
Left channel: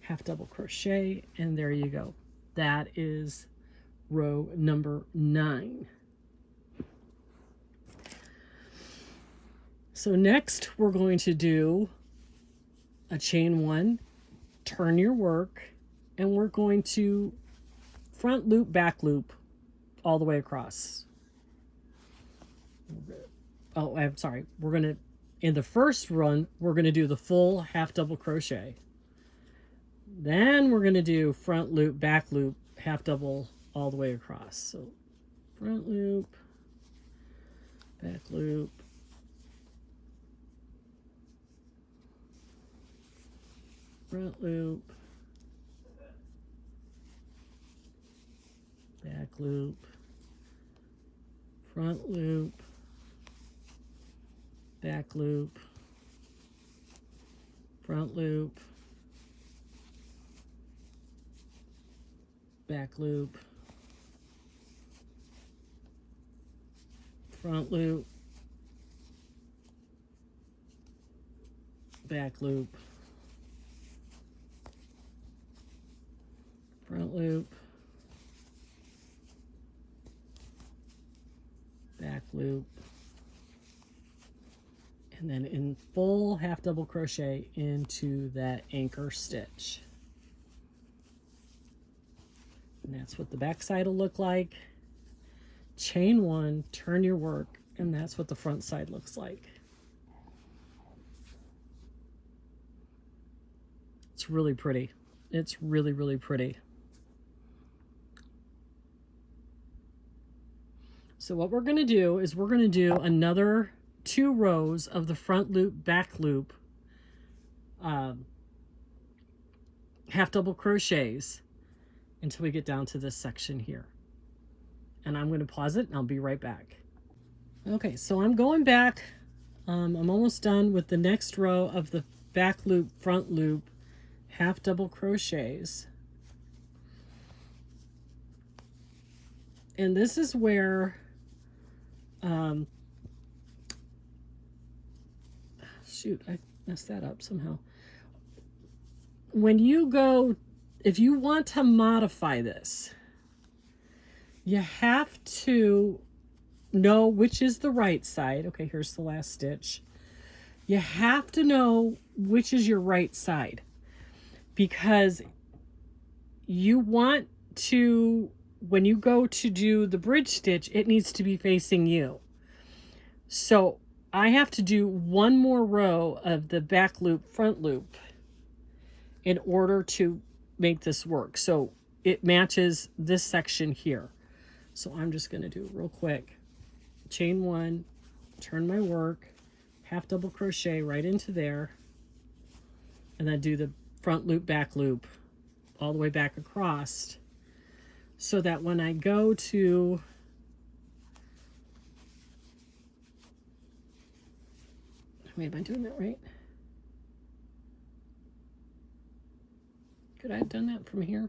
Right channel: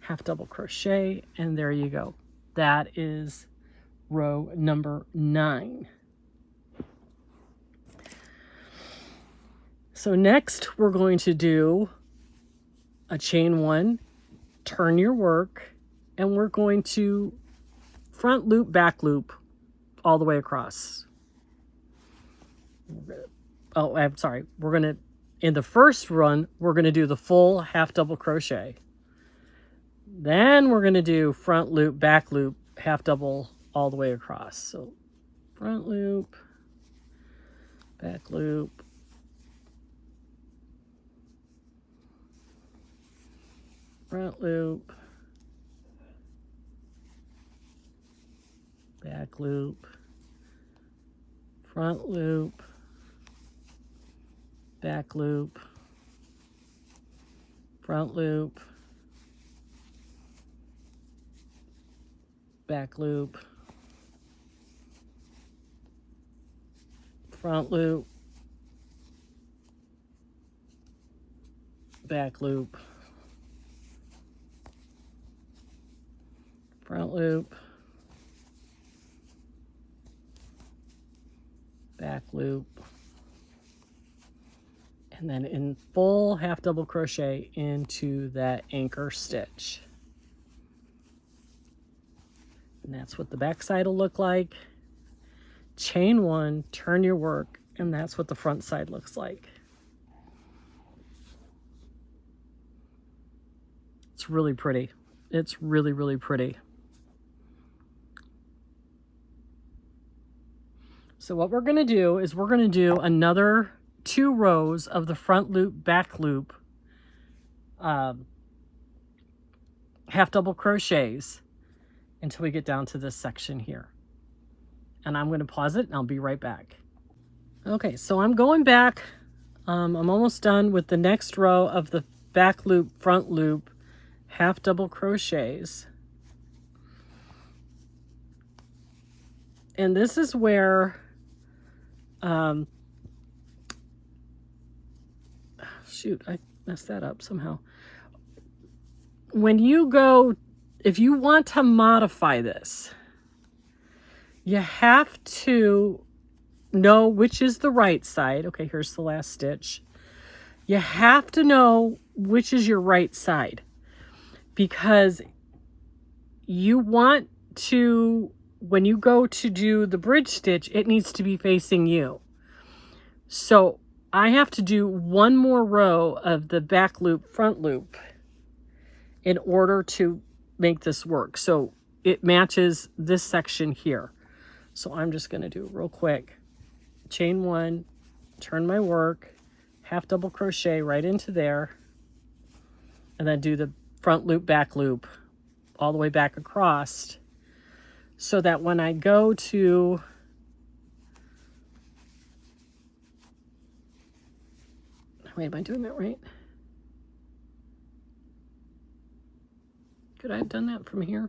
half double crochet, and there you go. That is row number 9. So next we're going to do a chain 1, turn your work, and we're going to front loop, back loop all the way across. Oh, I'm sorry. We're going to, in the first run, we're going to do the full half double crochet. Then we're going to do front loop, back loop, half double all the way across. So front loop, back loop, front loop, back loop, front loop, back loop, front loop, back loop, front loop, back loop, front loop, back loop, and then in full half double crochet into that anchor stitch. And that's what the back side will look like. Chain 1, turn your work, and that's what the front side looks like. It's really pretty. It's really, really pretty. So what we're going to do is we're going to do another 2 rows of the front loop, back loop, half double crochets until we get down to this section here. And I'm going to pause it and I'll be right back. Okay, so I'm going back. I'm almost done with the next row of the back loop, front loop, half double crochets. And this is where shoot, I messed that up somehow. When you go, if you want to modify this, you have to know which is the right side. Okay, here's the last stitch. You have to know which is your right side, because you want to, when you go to do the bridge stitch, it needs to be facing you. So I have to do 1 more row of the back loop, front loop in order to make this work. So it matches this section here. So I'm just going to do real quick. Chain 1, turn my work, half double crochet right into there, and then do the front loop, back loop all the way back across, so that when I go to wait, am I doing that right? Could I have done that from here?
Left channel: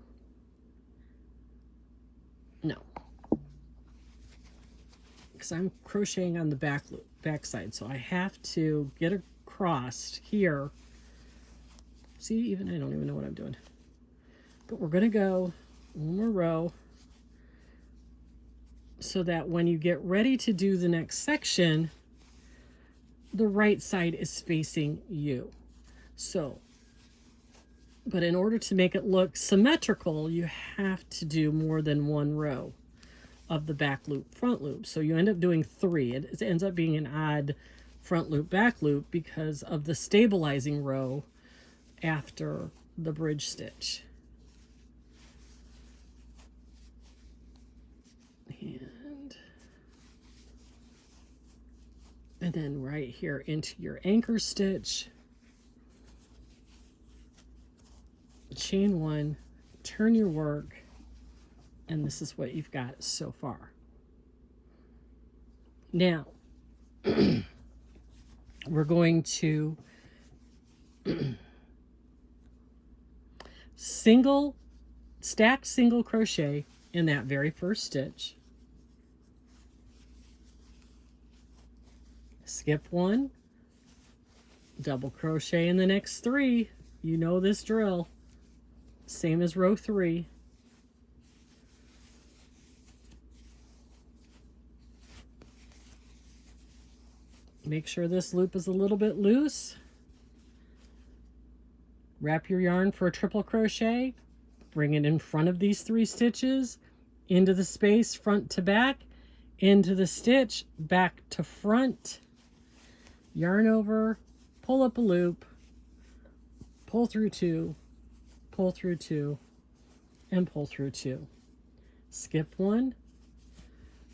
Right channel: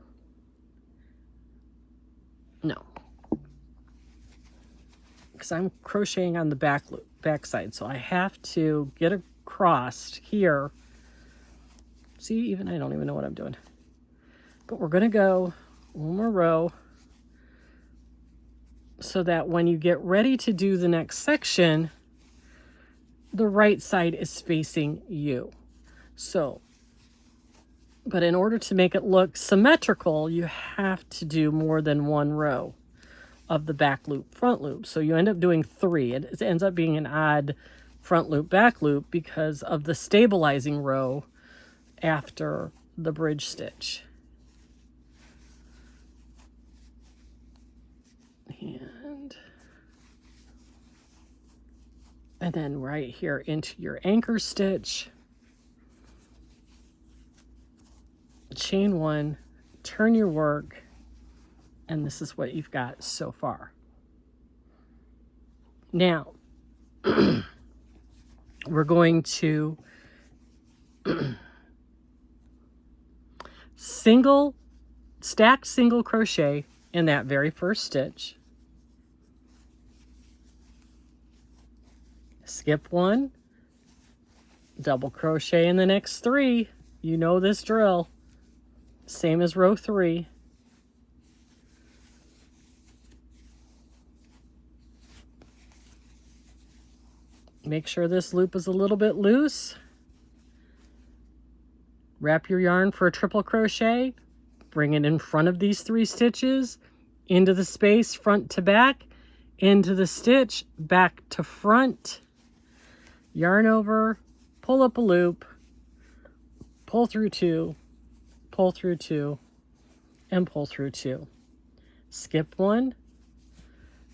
No, because I'm crocheting on the back side, so I have to get across here. See, even I don't even know what I'm doing. But we're going to go 1 more row so that when you get ready to do the next section, the right side is facing you. So, but in order to make it look symmetrical, you have to do more than 1 row of the back loop, front loop. So you end up doing 3. It ends up being an odd front loop, back loop because of the stabilizing row after the bridge stitch. And then right here into your anchor stitch, chain 1, turn your work, and this is what you've got so far. Now we're going to Stack single crochet in that very first stitch, skip one, double crochet in the next 3. You know this drill, same as row 3. Make sure this loop is a little bit loose. Wrap your yarn for a triple crochet, bring it in front of these 3 stitches, into the space front to back, into the stitch, back to front, yarn over, pull up a loop, pull through 2, pull through 2, and pull through 2. Skip one,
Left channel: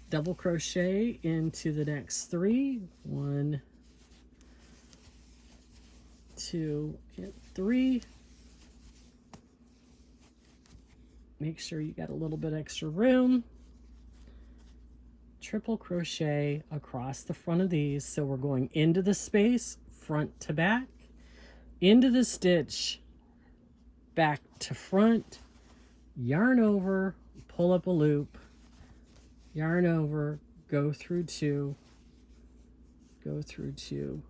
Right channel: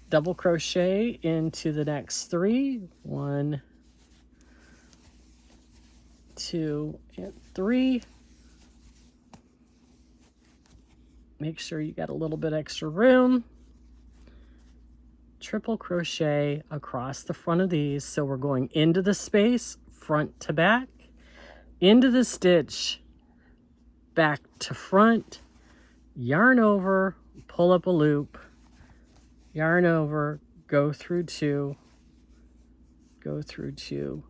double crochet into the next 3, 1, 2, and 3. Make sure you got a little bit extra room. Triple crochet across the front of these. So we're going into the space, front to back, into the stitch, back to front, yarn over, pull up a loop, yarn over, go through 2, go through 2,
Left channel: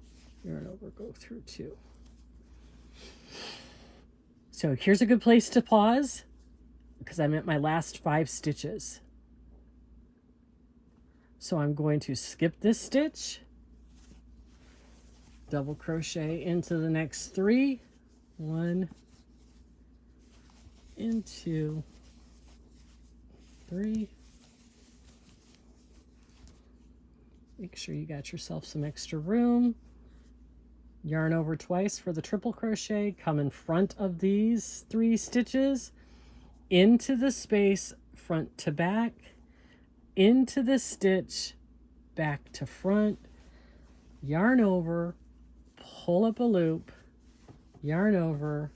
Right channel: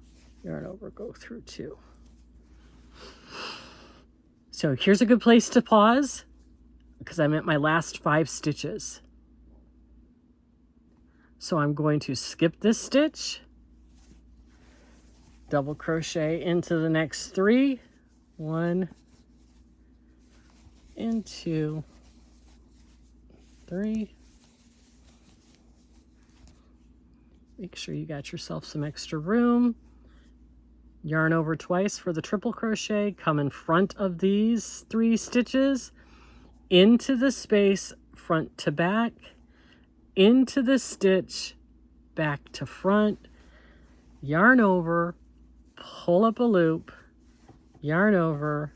yarn over, go through 2. So here's a good place to pause, because I'm at my last 5 stitches. So I'm going to skip this stitch, double crochet into the next 3, 1 and 2, 3. Make sure you got yourself some extra room. Yarn over twice for the triple crochet, come in front of these 3 stitches, into the space, front to back, into the stitch, back to front, yarn over, pull up a loop, yarn over,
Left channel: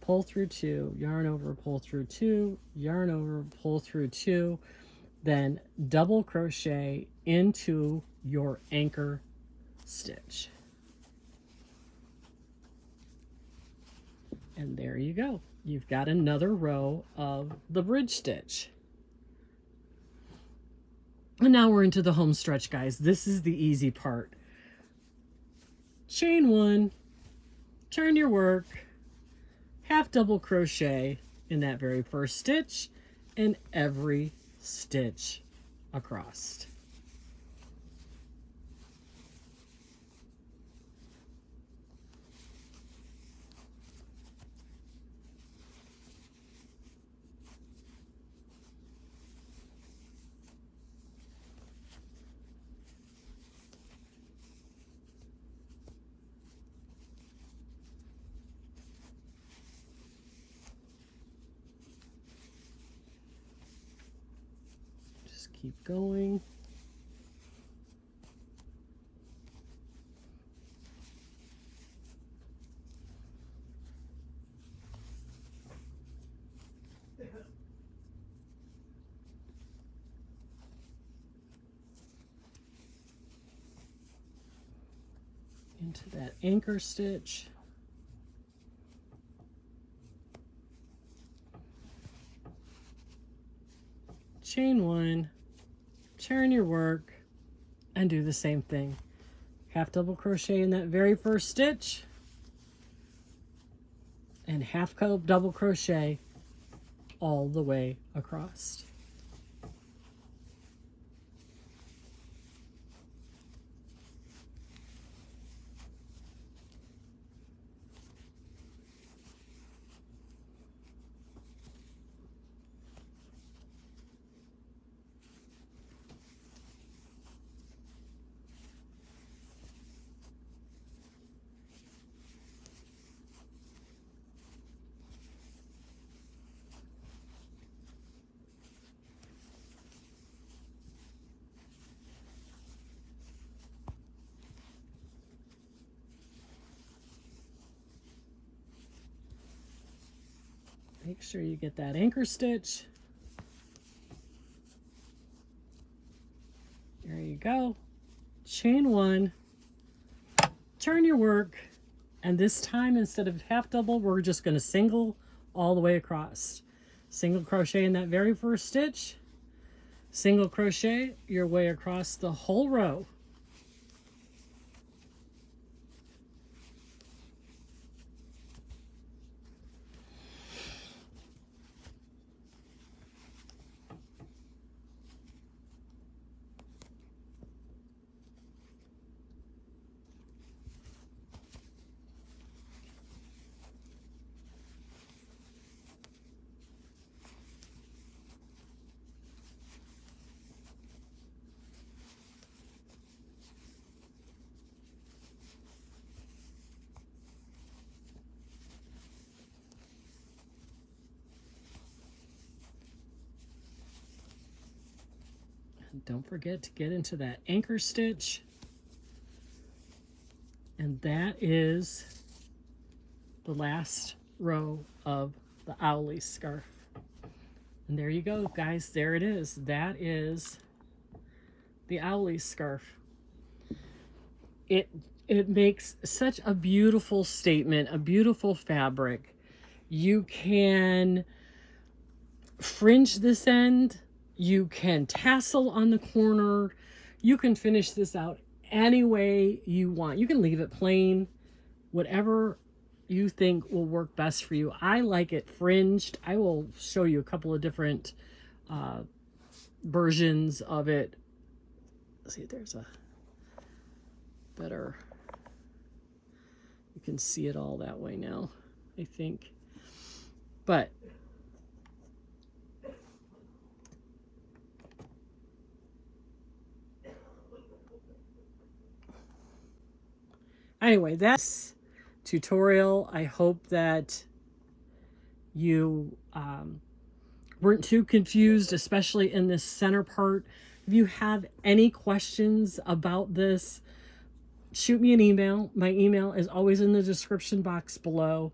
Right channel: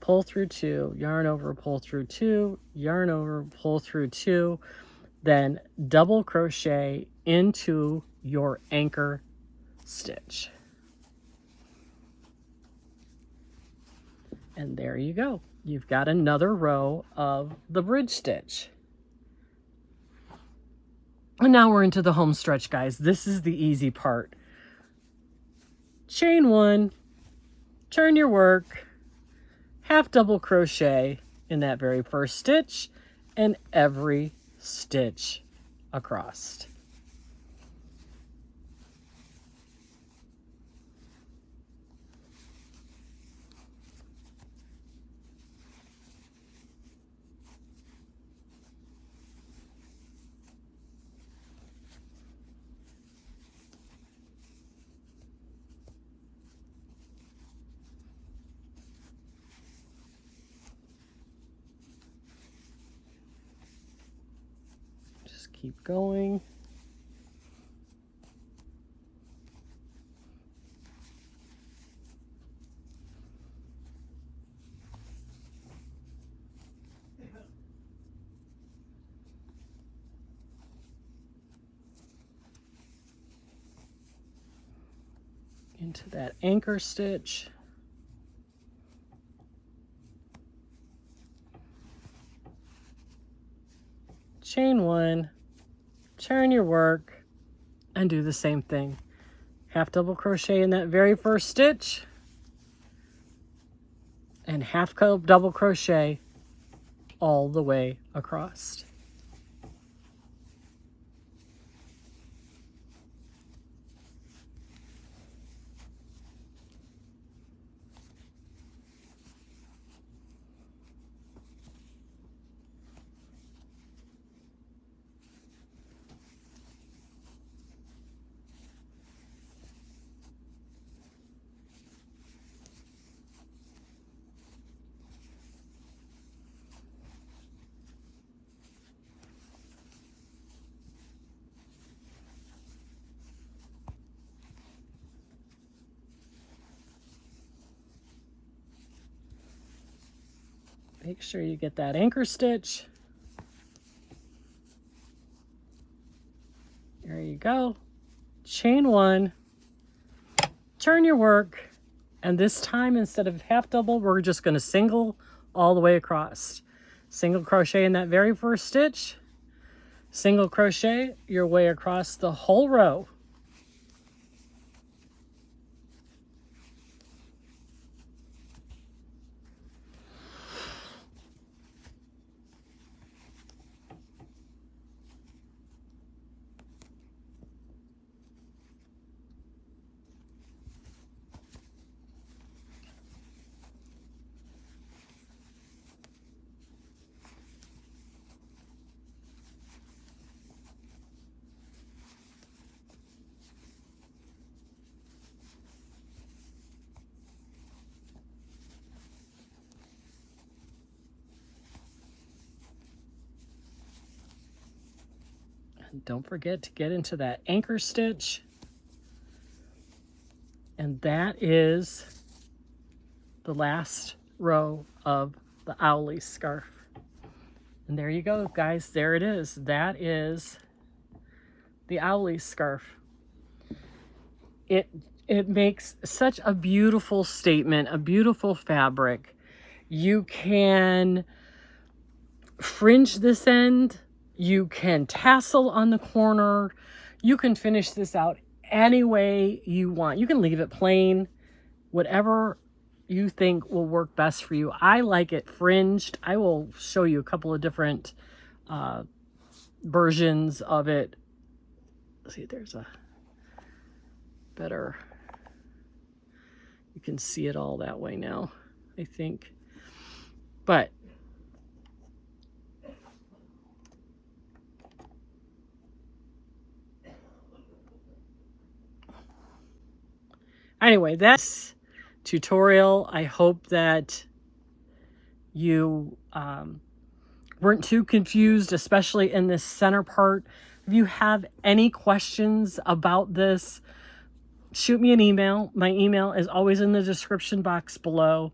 pull through 2, yarn over, pull through 2, yarn over, pull through 2, then double crochet into your anchor stitch. And there you go. You've got another row of the bridge stitch. And now we're into the home stretch, guys. This is the easy part. Chain 1, turn your work, half double crochet in that very first stitch, and every stitch across. Keep going. Into that anchor stitch. Chain 1. Turn your work and do the same thing. Half double crochet in that very first stitch and half double crochet all the way across. Make sure you get that anchor stitch. There you go. Chain 1, turn your work, And this time, instead of half double, we're just going to single all the way across. Single crochet in that very first stitch, single crochet your way across the whole row. And don't forget to get into that anchor stitch. And that is the last row of the Owly Scarf. And there you go, guys. There it is. That is the Owly Scarf. It makes such a beautiful statement, a beautiful fabric. You can fringe this end. You can tassel on the corner. You can finish this out any way you want. You can leave it plain, whatever you think will work best for you. I like it fringed. I will show you a couple of different versions of it. Let's see, there's a better, you can see it all that way now, I think. But anyway, that's tutorial. I hope that you weren't too confused, especially in this center part. If you have any questions about this, shoot me an email. My email is always in the description box below.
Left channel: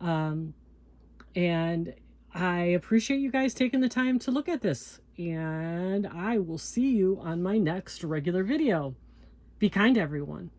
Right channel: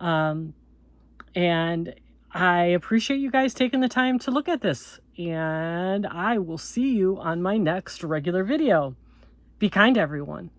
And I appreciate you guys taking the time to look at this. And I will see you on my next regular video. Be kind, everyone.